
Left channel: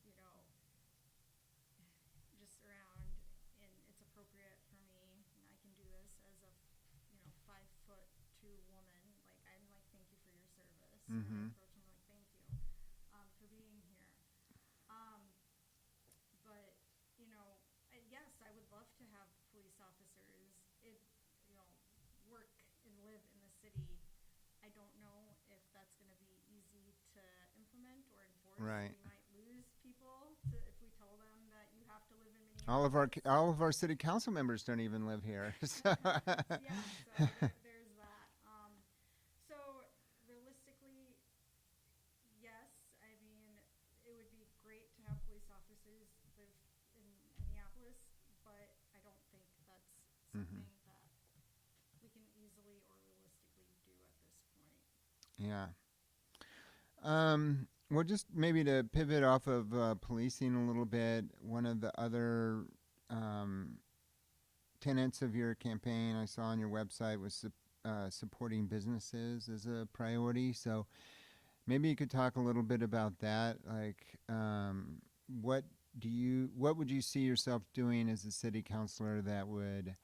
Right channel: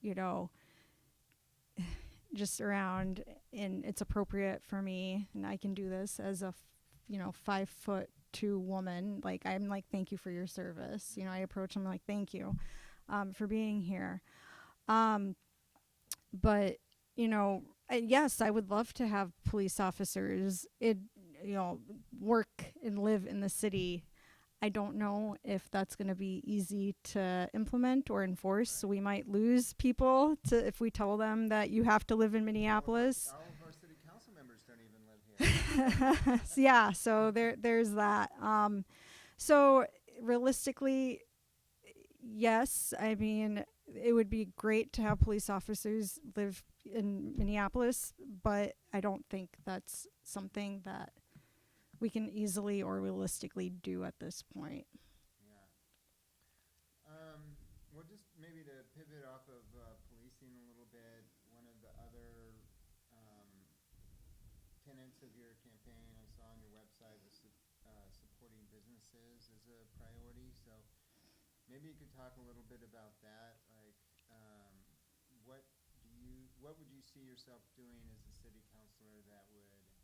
just around, and it's appropriate for me, and I can do this as a 5'2" woman. Like, I'm like, thank you for your service. I approach them like, thank you for being here. But, yes, I would love to have police officers, work and live in the city. I don't know if that's going to be easy to implement or enforce. Right. So we might lose people if we tell them that you have to live in Minneapolis. All of our city council members don't even live here. Yeah, so there's that. So realistically, yes, I mean, it would be great to have police officers live in Minneapolis, but I don't think that's something that we can easily or realistically do at this point. Yeah. Well, just maybe to pivot off of policing a little bit, one of the other tenets of your campaign I saw on your website was supporting businesses as a priority. So maybe you could talk a little bit about that. Like, what would you see yourself doing as a city councilor that would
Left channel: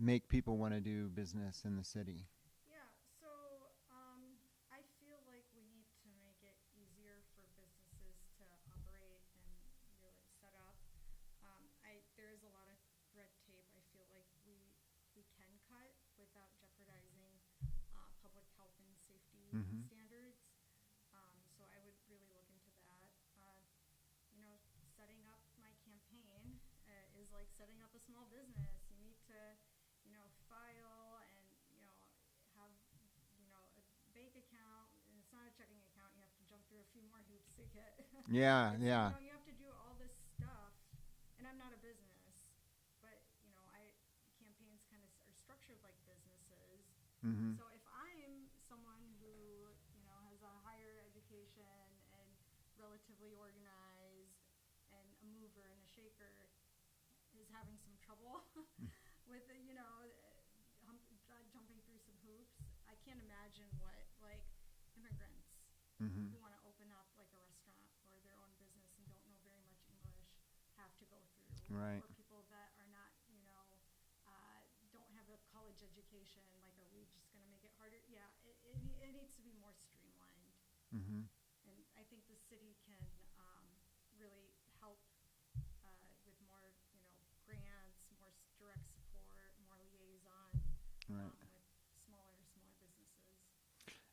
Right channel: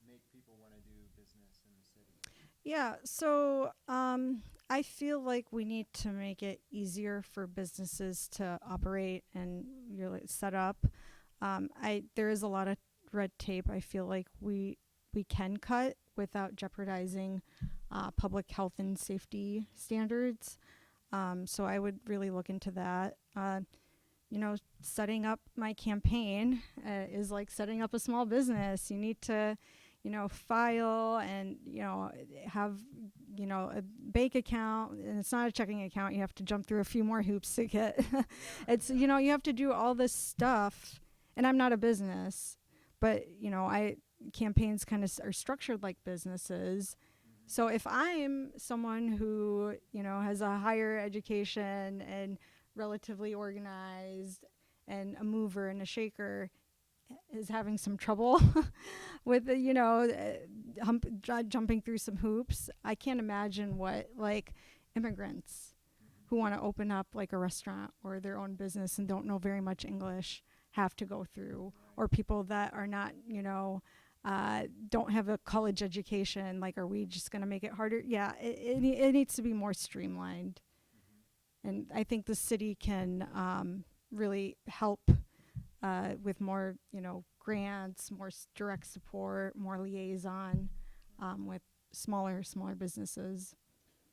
make people want to do business in the city? Yeah, so I feel like we need to make it easier for businesses to operate and really set up. There is a lot of red tape. I feel like we can cut without jeopardizing public health and safety Mm-hmm. standards. So I would really look into that. Setting up my campaign is like setting up a small business. You need to, file and, have, a bank account. And it's not a checking account. You have to jump through a few more hoops to get. Yeah, It's, yeah. you have to do all this stuff. And I'm not a business, but, campaigns kind of are structured like businesses. Mm-hmm. So if I'm someone who, has a higher education and relatively organized and a mover and a shaker is having some trouble with, jumping through some hoops, I can't imagine what like immigrants Mm-hmm. who want to open up like a restaurant or their own business and don't know very much English have to go through, Right. or people that are not, don't have a college education. Like, are we just going to make it harder? Yeah, it needs to be more streamlined. Mm-hmm. And I think the city can really help with more, grants, more direct support, more liaison Right. with smaller businesses.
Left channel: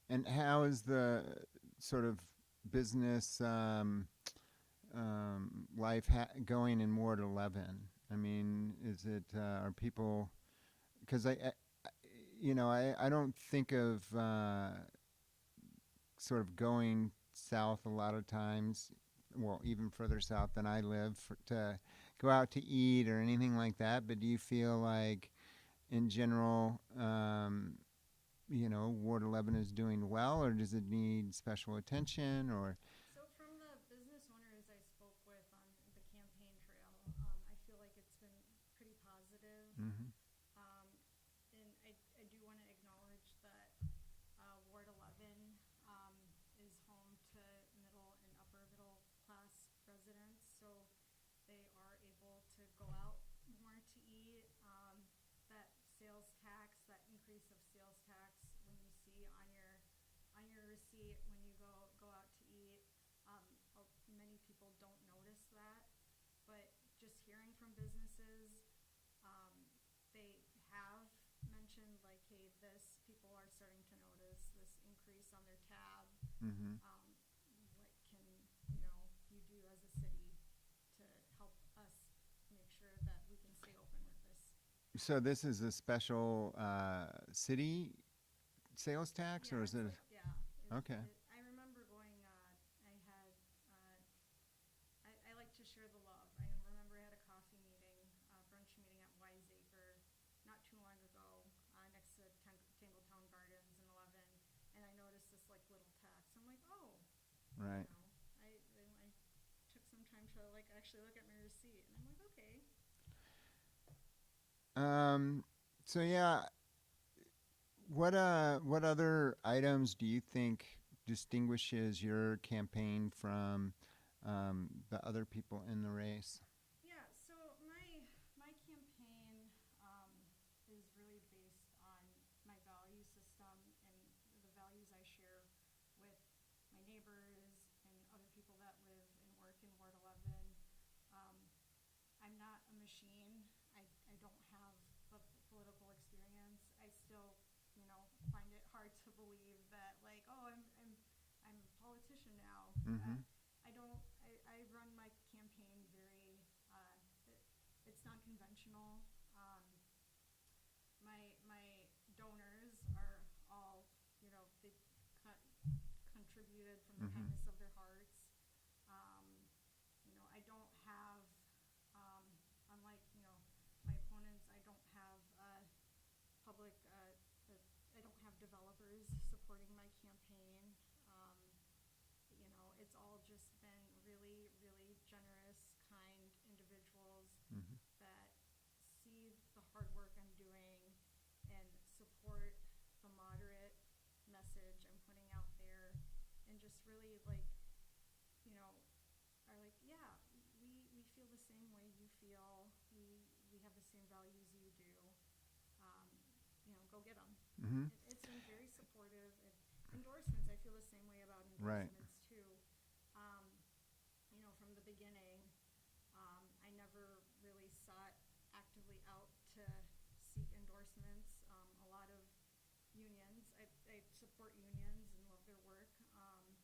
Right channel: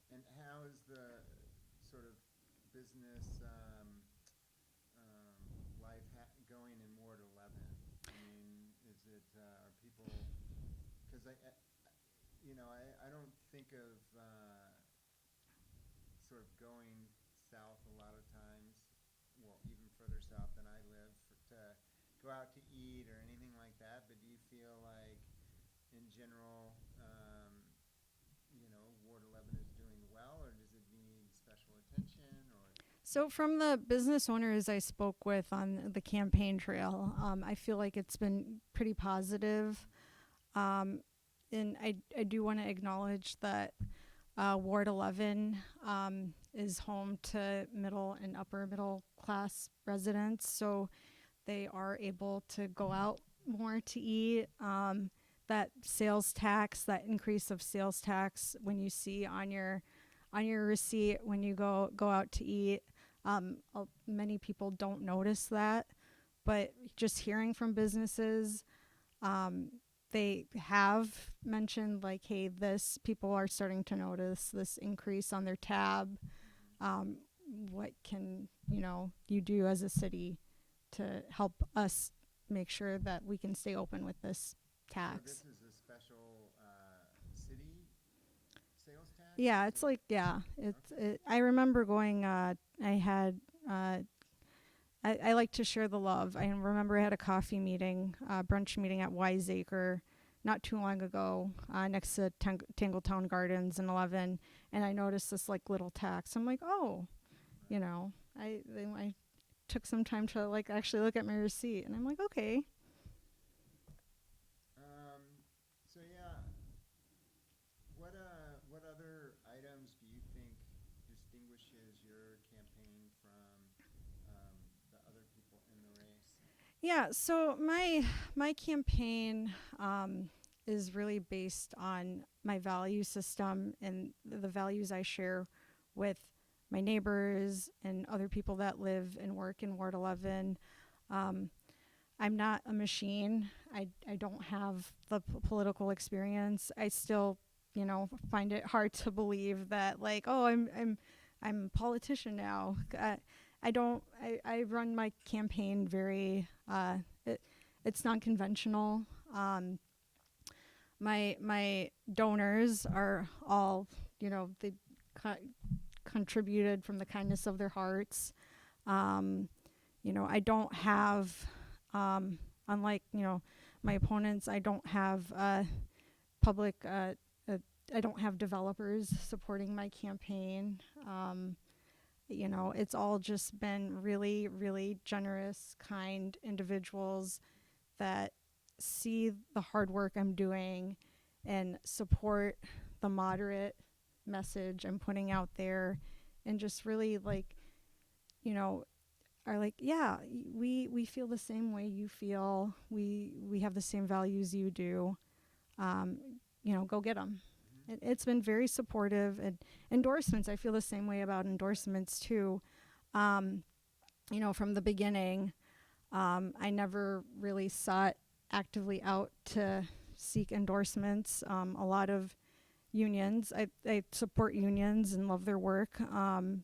And how is the sort of business life going in Ward 11? I mean, is it are people? Because I don't think of sort of going south a lot of times. Well, even further south than I live to go out to eat or anything like that. But do you feel like, in general, Ward 11 is doing well, or does it need special attention? Or So from the business owners I spoke with on the campaign trail, I feel like it's been pretty positive. mm-hmm. And I do want to acknowledge that Ward 11 is home to middle and upper middle class residents, so they are able to go out more to eat. That sales tax, that increase of sales tax, when you see on your receipt when you go out to eat, many people don't notice that, but just hearing from businesses, they have mentioned like, hey, this people are starting to notice this increase on their tab. Mm-hmm. What can you do as a city to help us make sure that we can stay open with this tax? So this is a special city sales tax? Yeah, or is it's it like, yeah. Okay. I remember going, I had, I like to share the love. I remember I had a coffee meeting, brunch meeting at Wiseacre not too long ago, next to Tangletown Gardens in 11, and I noticed this like little tax. I'm like, oh, Right. I took some time to like actually look at my receipt, and I'm like, okay. So yeah, what other items do you think distinguishes your campaign from the other people in the race? Yeah, so my campaign is really based on my value system and the values I share with my neighbors and other people that live and work in Ward 11. I'm not a machine. I don't have the political experience. I still, find it hard to believe that like, oh, I'm a politician now. Mm-hmm. I don't. I run my campaign very. It's non-conventional. My donors are all, they contributed from the Mm-hmm. kindness of their hearts. I don't have, unlike my opponents, I don't have public. I don't have developers supporting my campaign. It's all just been really, really generous, kind individuals Mm-hmm. that see the hard work I'm doing and support the moderate message I'm putting out there, and just really like, are like, yeah, we feel the same way you feel. We have the same values you do. go get them. Mm-hmm. It's been very supportive. And endorsements, I feel the same way about endorsements too. From the beginning, I never really sought actively out to seek endorsements. A lot of unions, I support unions and love their work,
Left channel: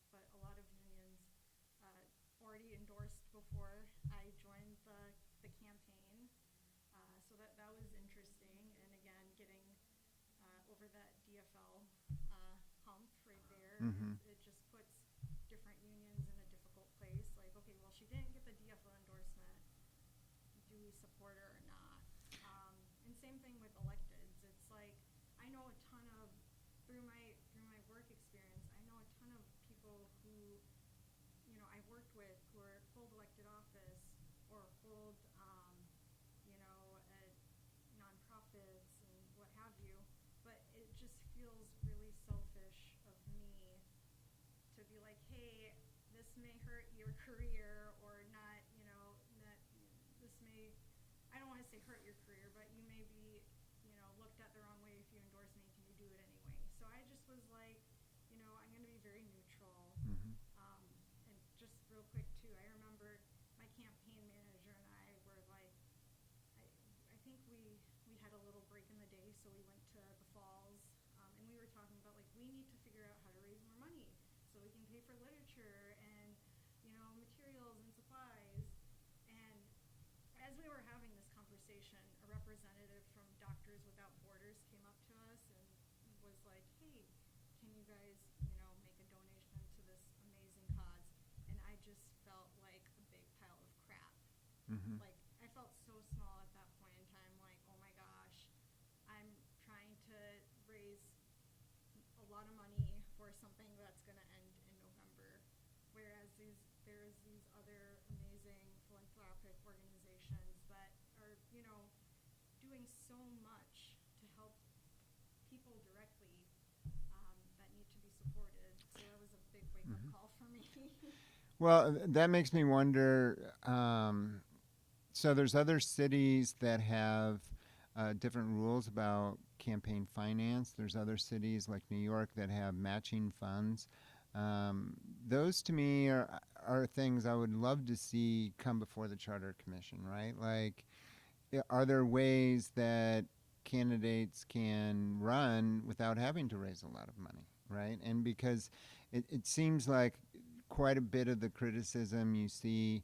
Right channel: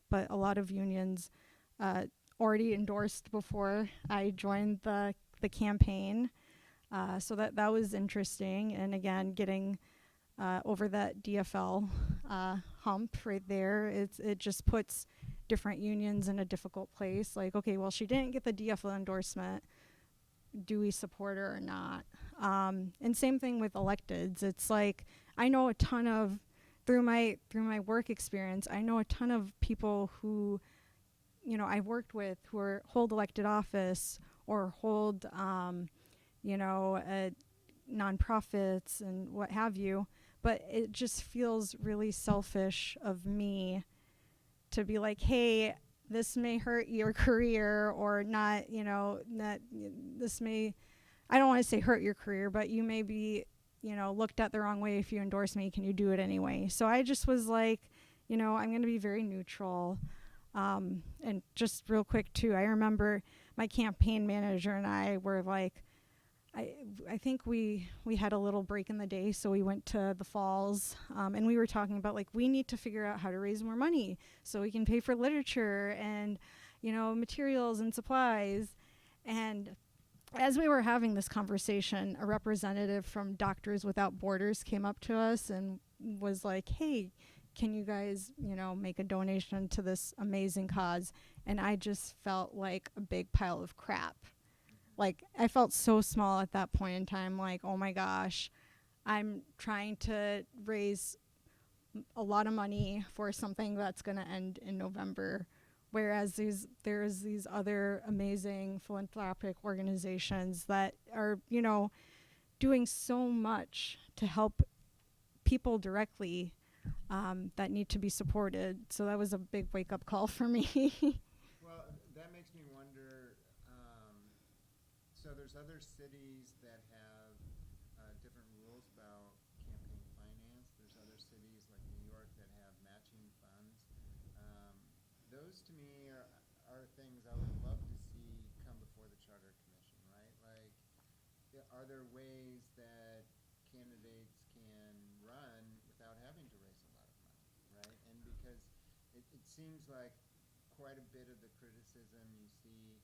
but a lot of unions already endorsed before I joined the campaign. So that was interesting. And again, getting over that DFL hump right there, Mm-hmm. it just puts different unions in a difficult place. Like, okay, well, she didn't get the DFL endorsement. Do we support her or not? And same thing with electeds. It's like I know a ton of through my work experience. I know a ton of people who, I've worked with who hold elected office or hold, nonprofits and what have you. But it just feels really selfish of me to be like, hey, this may hurt your career or not, this may, I don't want to say hurt your career, but you may be, looked at the wrong way if you endorse me. Can you do it anyway? So I just was like, I'm going to be very neutral. And just real quick, too, I remember my campaign manager and I were like, I think we had a little break in the day, so we went to the falls, and we were talking about, like, we need to figure out how to raise more money so we can pay for literature and, materials and supplies. And as we were having this conversation, a representative from Doctors Without Borders came up to us and was like, hey, can you guys, make a donation to this amazing cause? And I just felt like a big pile of crap. Mm-hmm. Like, I felt so small at that point in time, like, oh my gosh, I'm trying to raise a lot of money for something that's going to end in November. Whereas there's these other amazing philanthropic organizations that are, doing so much to help people directly that need to be supported. So that was a big wake-up call for me. Well, that makes me wonder. So there's other cities that have different rules about campaign finance. There's other cities like New York that have matching funds. Those to me are things I would love to see come before the Charter Commission, right? Like, are there ways that candidates can run without having to raise a lot of money, right? And because it seems like quite a bit of the criticism you see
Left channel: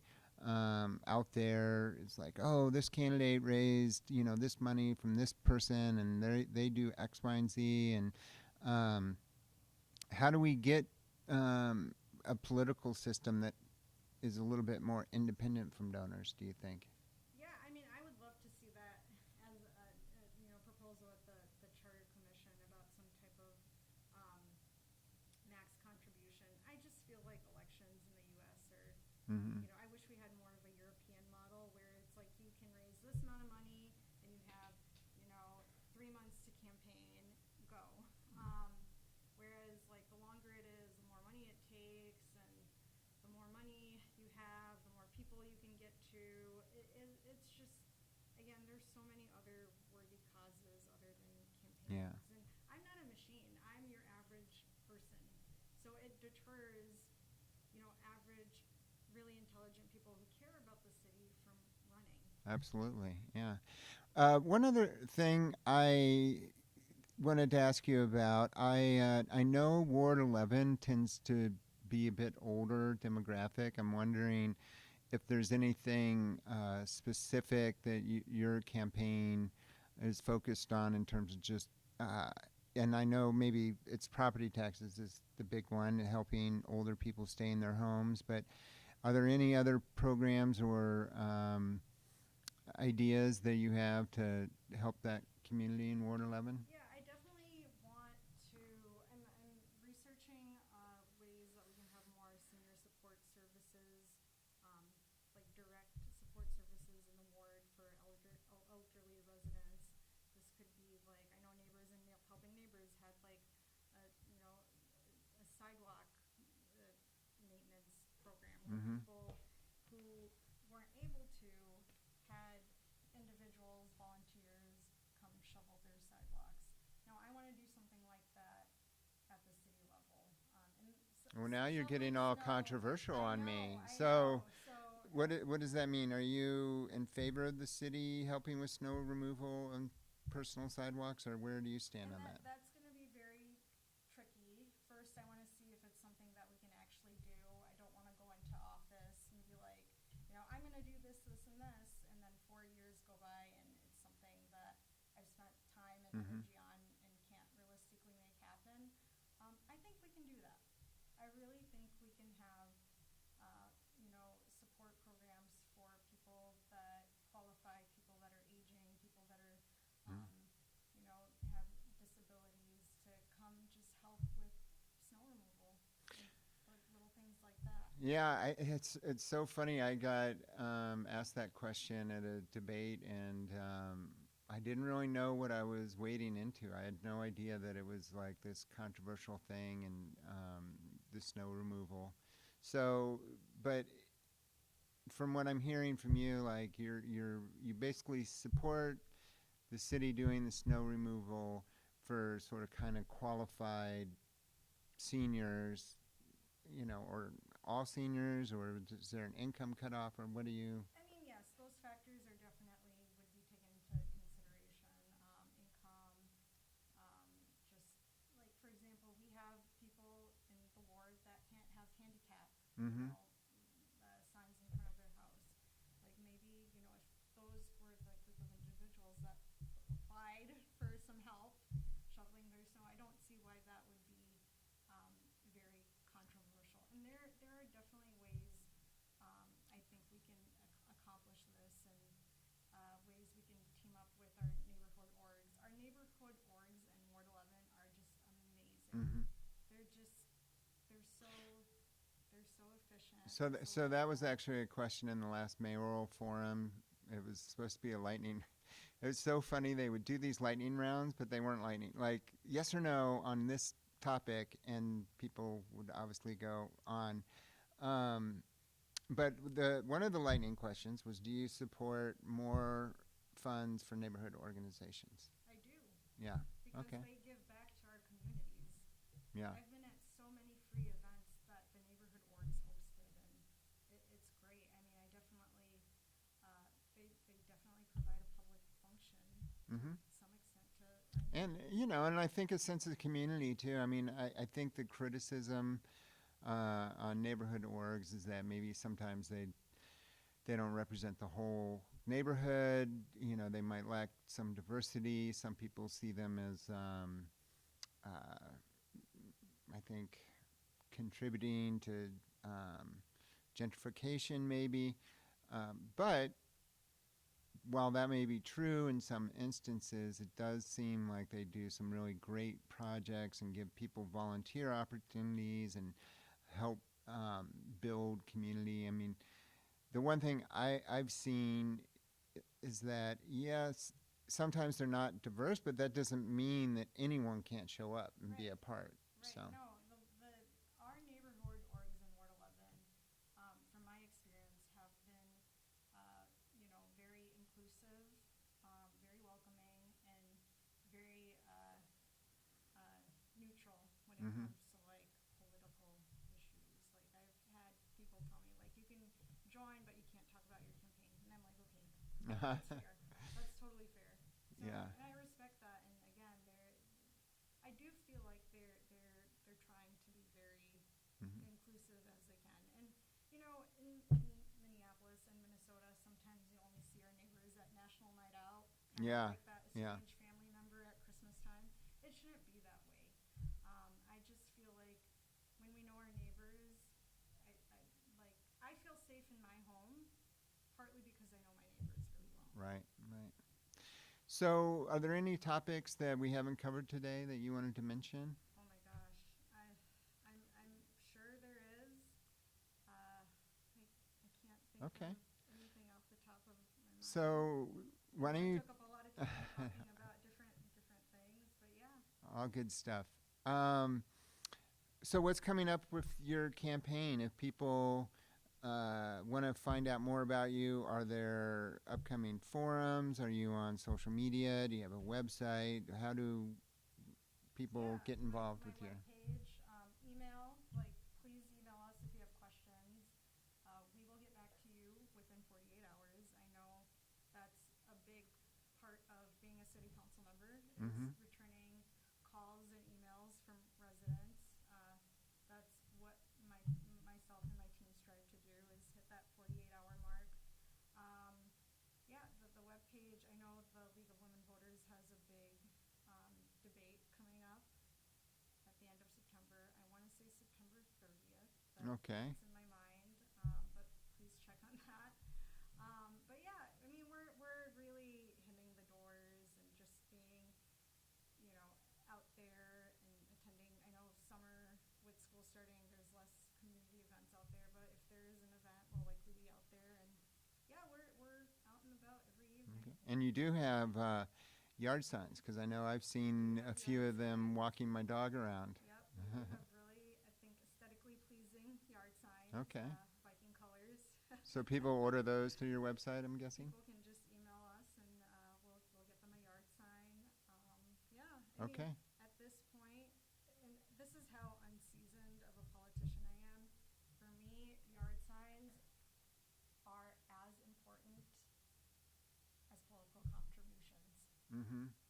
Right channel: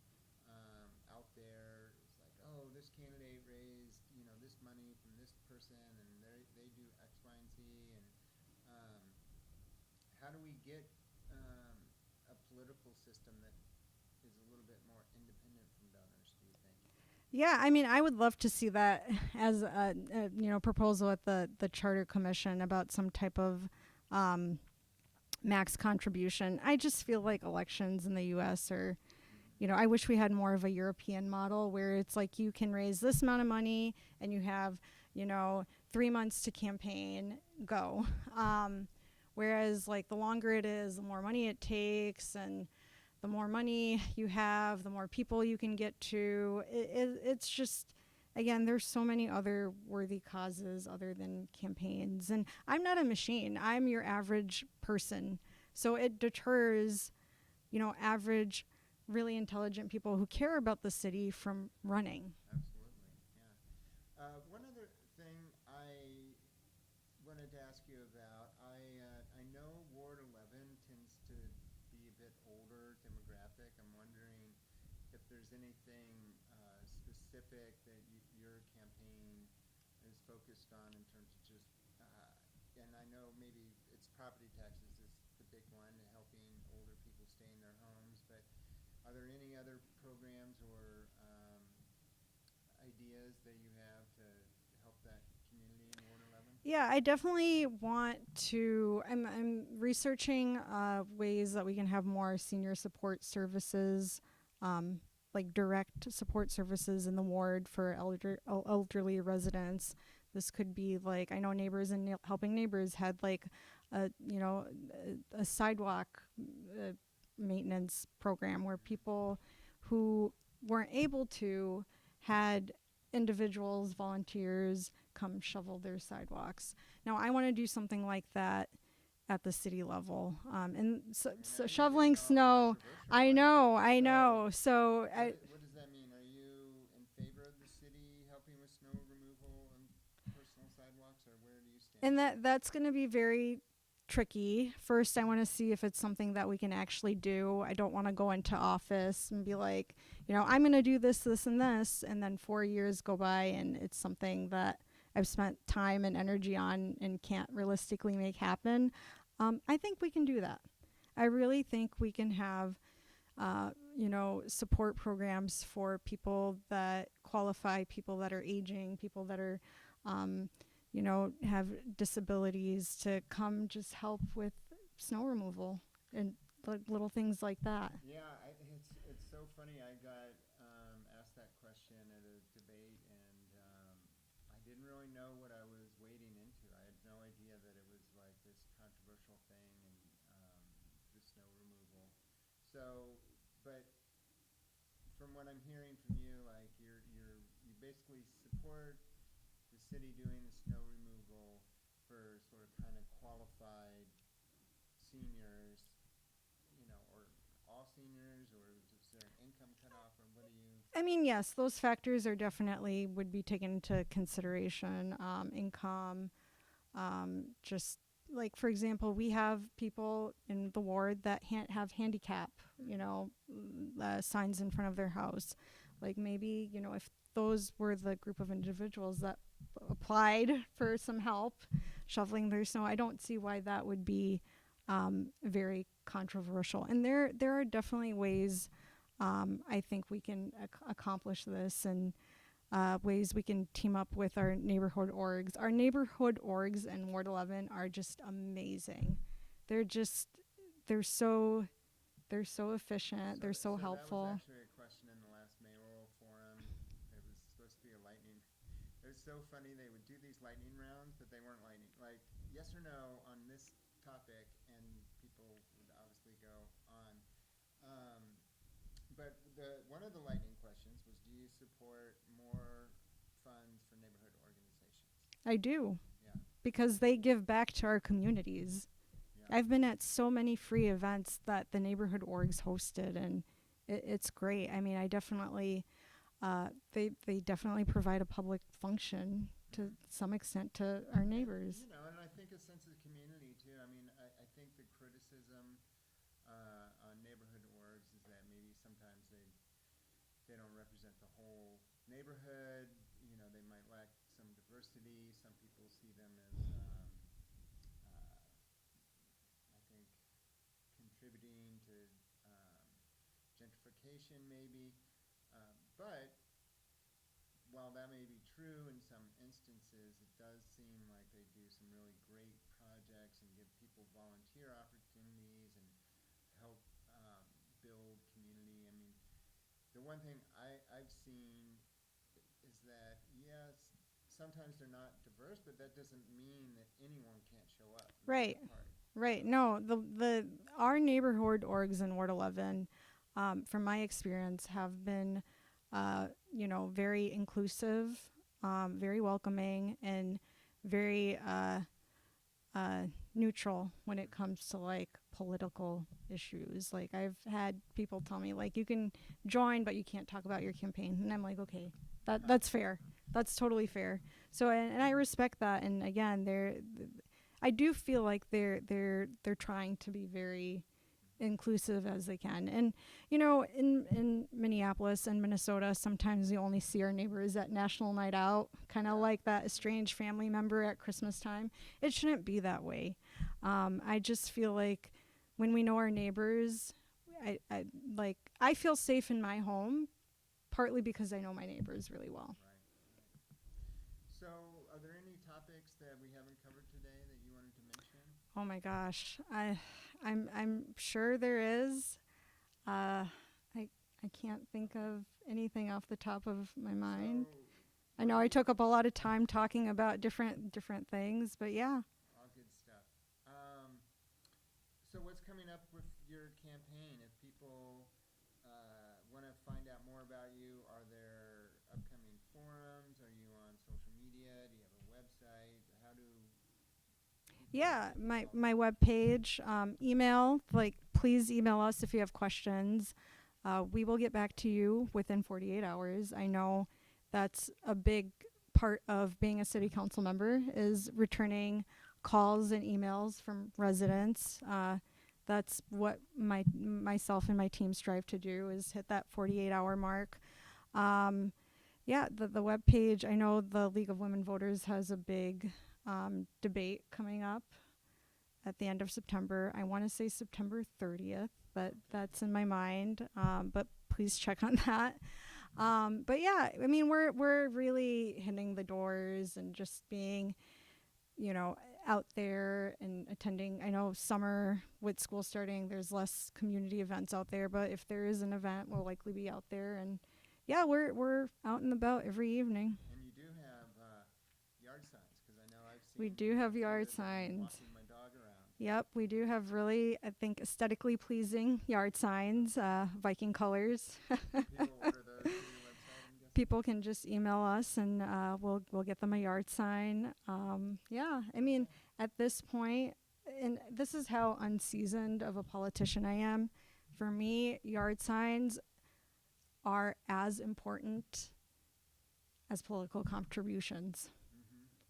out there is like, oh, this candidate raised, this money from this person, and they do X, Y, and Z, and how do we get a political system that is a little bit more independent from donors, do you think? Yeah, I mean, I would love to see that as a proposal at the Charter Commission about some type of max contribution. I just feel like elections in the U.S. are, I wish we had more of a European model where it's like you can raise this amount of money and you have, 3 months to campaign, go. Whereas, like, the longer it is, the more money it takes, and the more money you have, the more people you can get to. It's just, again, there's so many other worthy causes other than campaigns. Yeah. And I'm not a machine. I'm your average person. So it deters, average, really intelligent people who care about the city from running. Absolutely, yeah. One other thing I wanted to ask you about, I know Ward 11 tends to be a bit older demographic. I'm wondering if there's anything specific that your campaign is focused on in terms of just, and I know maybe it's property taxes is the big one, helping older people stay in their homes, but are there any other programs or ideas that you have to help that community in Ward 11? Yeah, I definitely want to. I'm researching ways that we can have more senior support services, like direct support services in the ward for elderly residents. This could be like, I know Neighbors and Helping Neighbors had like a sidewalk maintenance program where people who weren't able to had individuals, volunteers come shovel their sidewalks. Now, I want to do something like that at the city level. And so, Well, so now you're shoveling getting all snow. controversial I on know, me. I So know. So what does that mean? Are you in favor of the city helping with snow removal and personal sidewalks, or where do you stand and on that's going to be very tricky. First, I want to see if it's something that we can actually do. I don't want to go into office and be like, I'm going to do this, this, and this, and then 4 years go by and it's something that I've spent time and energy on and can't realistically make happen. I think we can do that. I really think we can have, support programs for people that qualify, people that are aging, people that are, have disabilities to come just help with snow removal and little things like that. Yeah, it's so funny. I got asked that question at a debate, and I didn't really know what I was wading into. I had no idea that it was like this controversial thing and the snow removal. So, but from what I'm hearing from you, like you basically support the city doing the snow removal for sort of kind of qualified seniors, or all seniors, or is there an income cutoff, or what do you? I mean, yes, those factors are definitely would be taken into consideration. Income, just like, for example, we have people in the ward that have handicap, signs in front of their house. Like maybe, if those were the group of individuals that applied for some help shoveling their snow, I don't see why that would be very controversial. And there are definitely ways I think we can accomplish this, and ways we can team up with our neighborhood orgs. Our neighborhood orgs in Ward 11 are just amazing. They're so efficient. They're so helpful. So that was actually a question in the last mayoral forum. It was supposed to be a lightning. It was so funny. They would do these lightning rounds, but they weren't lightning. Like, yes or no on this topic, and people would obviously go on. But one of the lightning questions was, do you support more funds for neighborhood organizations? I do. Yeah. Because they give back to our communities. Yeah. I've been at so many free events that the neighborhood orgs hosted, and it's great. I mean, I definitely, they definitely provide a public function to some extent to our neighbors. And I think a sense of community too. I mean, I think the criticism on neighborhood orgs is that maybe sometimes they don't represent the whole neighborhood. They might lack some diversity. Some people see them as, I think, contributing to gentrification maybe. But while that may be true in some instances, it does seem like they do some really great projects and give people volunteer opportunities and help build community. I mean, the one thing I've seen is that, yes, sometimes they're not diverse, but that doesn't mean that anyone can't show up and be a part. Right. So. No, our neighborhood orgs in Ward 11, from my experience, have been, very inclusive, very welcoming, and very neutral when it comes to like political issues. Like, I've had people tell me, like, you can join, but you can't talk about your campaign, and I'm like, okay, that's fair. That's totally fair. So, and I respect that. And again, I do feel like they're trying to be very inclusive as they can. And in Minneapolis and Minnesota, sometimes we only see our neighbors at National Night Out, kind of like that estranged family member at Christmas time. It shouldn't be that way. I just feel like when we know our neighbors, I feel safe in my home, partly because I know my neighbors really well. Right. So, are there any topics that we haven't covered today that you wanted to mention? Oh my gosh, I'm sure there is. I can't think of anything off the top of my mind. So, I know I took up a lot of time talking about different things, but yeah. All good stuff. So, what's coming up with your campaign? If people want to find out more about you, are there upcoming forums? Are you on social media? Do you have a website? How do people get involved? My with you? webpage, email, please email us if you have questions. We will get back to you within 48 hours. I know that's a big part of being a city council member is returning calls and emails from residents. That's what myself and my team strive to do, is hit that 48-hour mark. The web page, I know the League of Women Voters has a big debate coming up at the end of September. I want to say September 30th, but that's in my mind. But please check on that. But yeah, I mean, we're really hitting the doors and just being, out there and attending. I know summer with school starting, there's less community events out there, but if there is an event, we'll likely be out there. And yeah, we're out and about every evening. And you do have yard signs, because I know I've seen do have a few yard of them signs. walking my dog around. Yep, we do have really, I think, aesthetically pleasing yard signs, Viking colors. So people order those through your website, I'm guessing? People can just email us and we'll get them a yard sign. I mean, at this point, and this is how unseasoned of a politician I am, for me, yard signs are as important as political contributions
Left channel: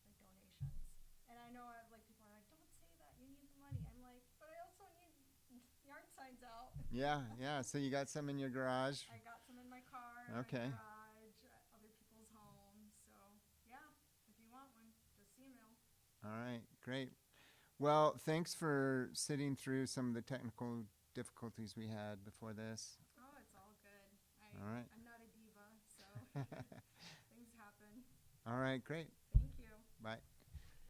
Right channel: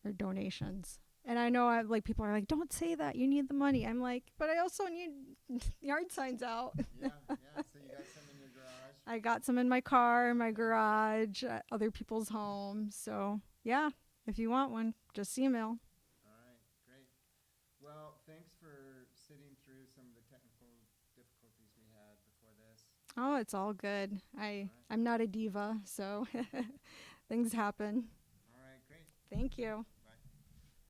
or donations. And I know people are like, don't say that, you need the money. I'm like, but I also need yard signs out. Yeah. So you got some in your garage? I got some in my car, my garage, at other people's homes. So yeah, if you want one, just email. All right, great. Well, thanks for sitting through some of the technical difficulties we had before this. Oh, it's all good. I'm not a diva, so things happen. All right, great. Thank you. Bye.